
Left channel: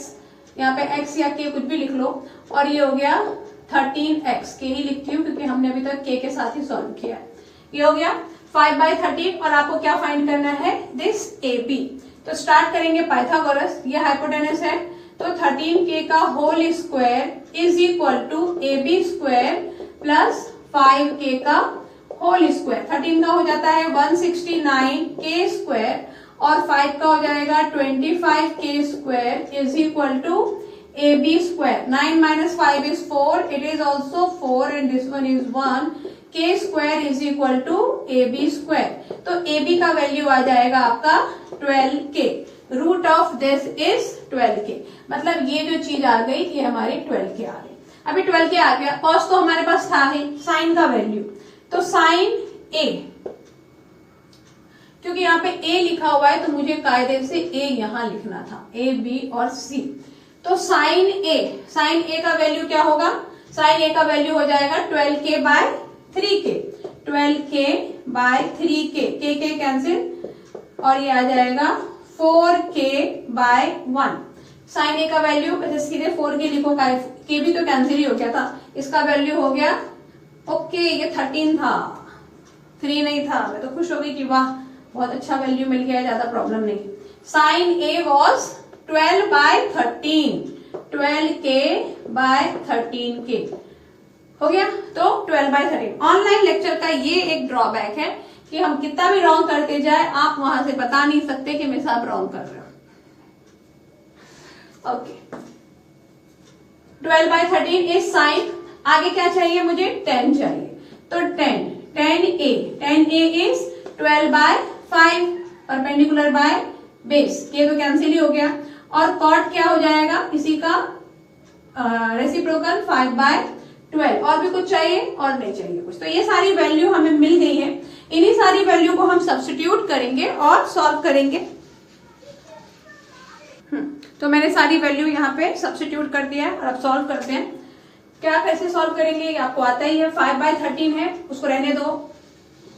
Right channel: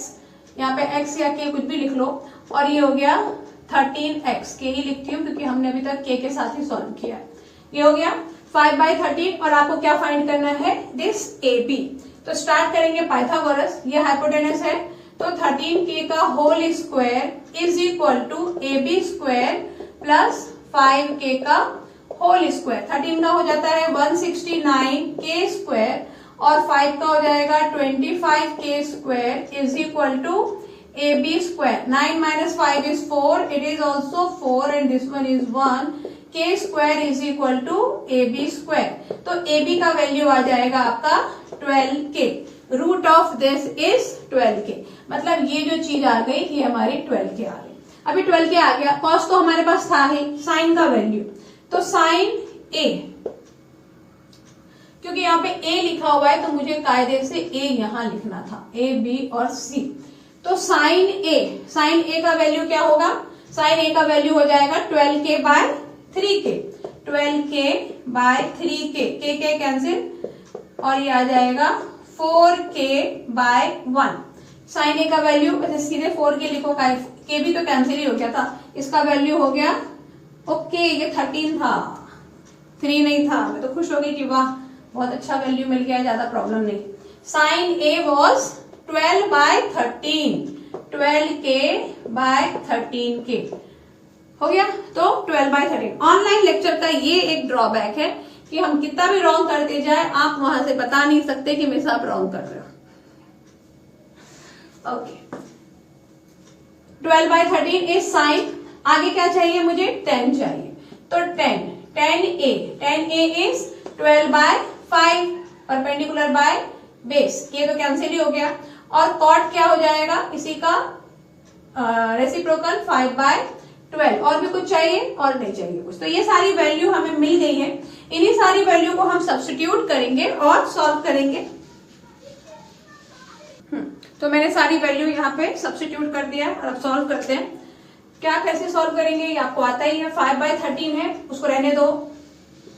यहाँ पे x या k कुछ भी लिख लो, और ये हो गया 13x, के ही लिखती हूँ क्योंकि हमने अभी तक k के साथ ही सॉल्व किया है। ये हो गया 5/13, और आपको क्या फाइंड करना है, दिस AB। तो स्टार्ट करेंगे पाइथागोरस, ये हाइपोटेनस है, तो 13k का whole square is equal to AB square plus 5k का होल स्क्वायर। 13 का हो जाता है 169k स्क्वायर, और 5 का हो जाएगा 25k square is equal to AB square. 9 minus 5 is 4, it is also 4 and this one is 1, k square is equal to AB square. तो AB का वैल्यू आ जाएगा आपका 12k, root of this is 12k, मतलब ये जो चीज आ गई ये हमारी 12k आ गई। अभी 12k आ गया, कॉस तो हमारे पास था ही, साइन का वैल्यू, तो साइन A, क्योंकि यहाँ पे A लिखा हुआ है तो मुझे कायदे से A यहाँ लिखना था, A, B और C। तो साइन A का वैल्यू क्या होगा, साइन A का वैल्यू हो जाएगा 12k/3k, 12k/3k, k कैंसिल, और ये आ जाएगा 4k/1। साइन A का वैल्यू, अच्छा सीधे 4k लिखो, k भी तो कैंसिल ही हो गया था, इसका वैल्यू हो गया, ओके ये 13 था, 3 नहीं था। मैं तो खुश हो गई कि वाह बहुत अच्छा वैल्यू मिल गया है, ज्यादा प्रॉब्लम नहीं। साइन A वॉज 12/13, 12k/13k हो गया, तो 12/13। ऑनलाइन लेक्चर का ये एक ड्रॉबैक है कि हम कितना भी रॉन्ग करते जाए, आप वहां से बता नहीं सकते कि मेरे साथ रॉन्ग कर रहे हो। Okay, 12/13 is sine. आगे क्या चाहिए मुझे, 10 चाहिए, तो 10A is 12/5 perpendicular by base, ये तो कैंसिल ही हो गया, और कॉट क्या हो जाएगा, इसी का रेसिप्रोकल 5/12। और भी कुछ चाहिए, और नहीं चाहिए कुछ, तो ये सारी वैल्यू हमें मिल गई है। इन्हीं सारी वैल्यू को हम सब्स्टिट्यूट करेंगे और सॉल्व करेंगे। तो मैंने सारी वैल्यू यहाँ पे सब्स्टिट्यूट कर दिया है, अब सॉल्व करते हैं। क्या कैसे सॉल्व करेंगे ये आपको आता ही है। 5/13 है, उसको रहने दो,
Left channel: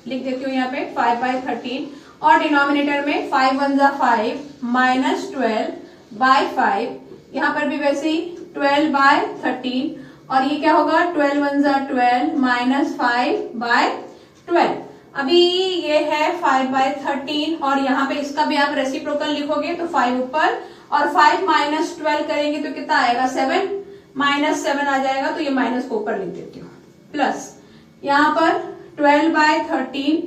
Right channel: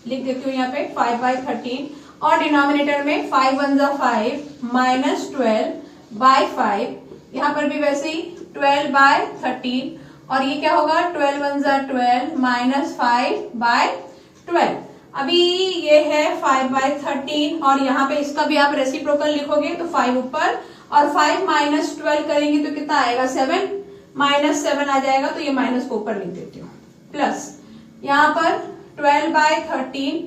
लिख देती हूँ यहाँ पे 5/13, और डिनोमिनेटर में 5 1 जा 5 माइनस 12/5, यहाँ पर भी वैसे ही 12/13, और ये क्या होगा 12 1 जा 12 माइनस 5/12। अभी ये है 5/13, और यहाँ पे इसका भी आप रेसिप्रोकल लिखोगे तो 5 ऊपर, और 5 माइनस 12 करेंगे तो कितना आएगा 7, माइनस 7 आ जाएगा, तो ये माइनस को ऊपर लिख देती हूँ, प्लस यहाँ पर 12/13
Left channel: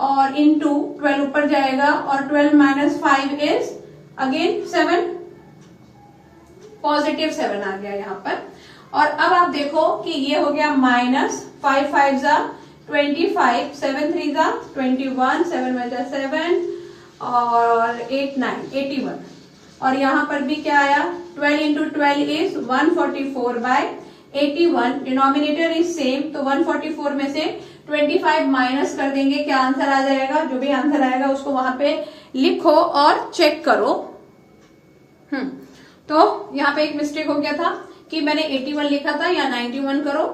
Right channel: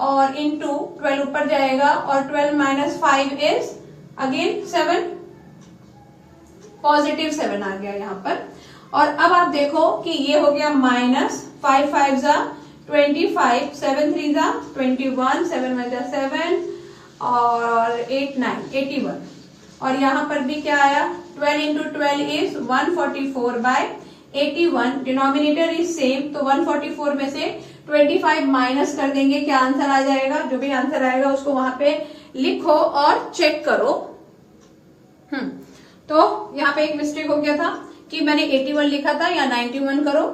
और इंटू 12 ऊपर जाएगा, और 12 माइनस 5 इज अगेन 7, पॉजिटिव 7 आ गया यहाँ पर। और अब आप देखो कि ये हो गया माइनस 5 5 जा 25, 7 3 जा 21, 7 1 जा 7, और 8 9 81, और यहाँ पर भी क्या आया 12 into 12 is 144/81, denominator is same, तो 144 में से 25 माइनस कर देंगे, क्या आंसर आ जाएगा, जो भी आंसर आएगा उसको वहां पे लिखो और चेक करो। तो यहाँ पे एक मिस्टेक हो गया था कि मैंने 81 लिखा था, या 91 करो,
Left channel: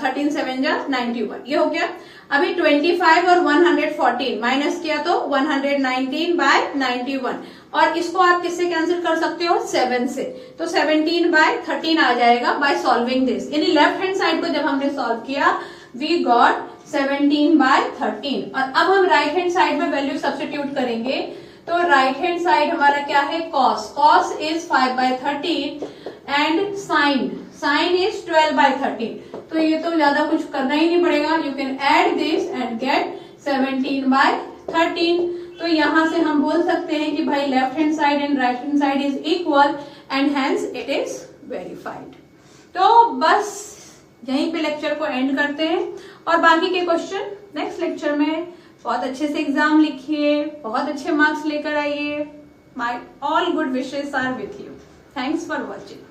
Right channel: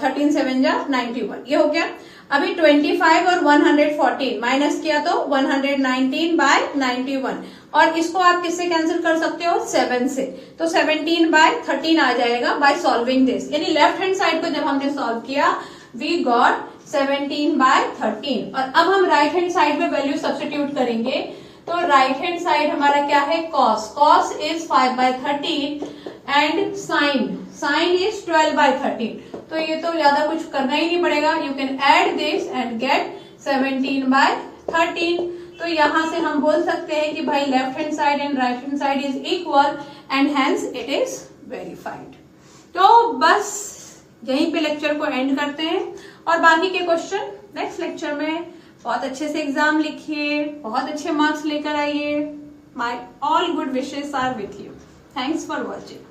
13 7 जा 91, ये हो गया। अभी 25 और 114 माइनस किया तो 119 बाय 91, और इसको आप किससे कैंसिल कर सकते हो, 7 से, तो 17 बाय 13 आ जाएगा बाय सॉल्विंग दिस। यानी लेफ्ट हैंड साइड को जब हमने सॉल्व किया वी गॉट 17 बाय 13। और अब हम राइट हैंड साइड में वैल्यू सब्स्टिट्यूट करेंगे, तो राइट हैंड साइड हमारा क्या है, cos, cos is 5 by 13 and sine is 12 by 13। तो ये तो ज्यादा कुछ करना ही नहीं पड़ेगा, you can add this and get 17 by 13। तो यहां से हम बोल सकते हैं कि भाई left hand side and right hand side is equal and hence it is verified. तो बस यहीं पे लेक्चर को एंड करते हैं, और बाकी के क्वेश्चन नेक्स्ट लेक्चर में। बहुत अच्छे से एग्जाम लिखिए, बहुत अच्छे मार्क्स लेकर आइए। My all good wishes are with you. Thanks for watching.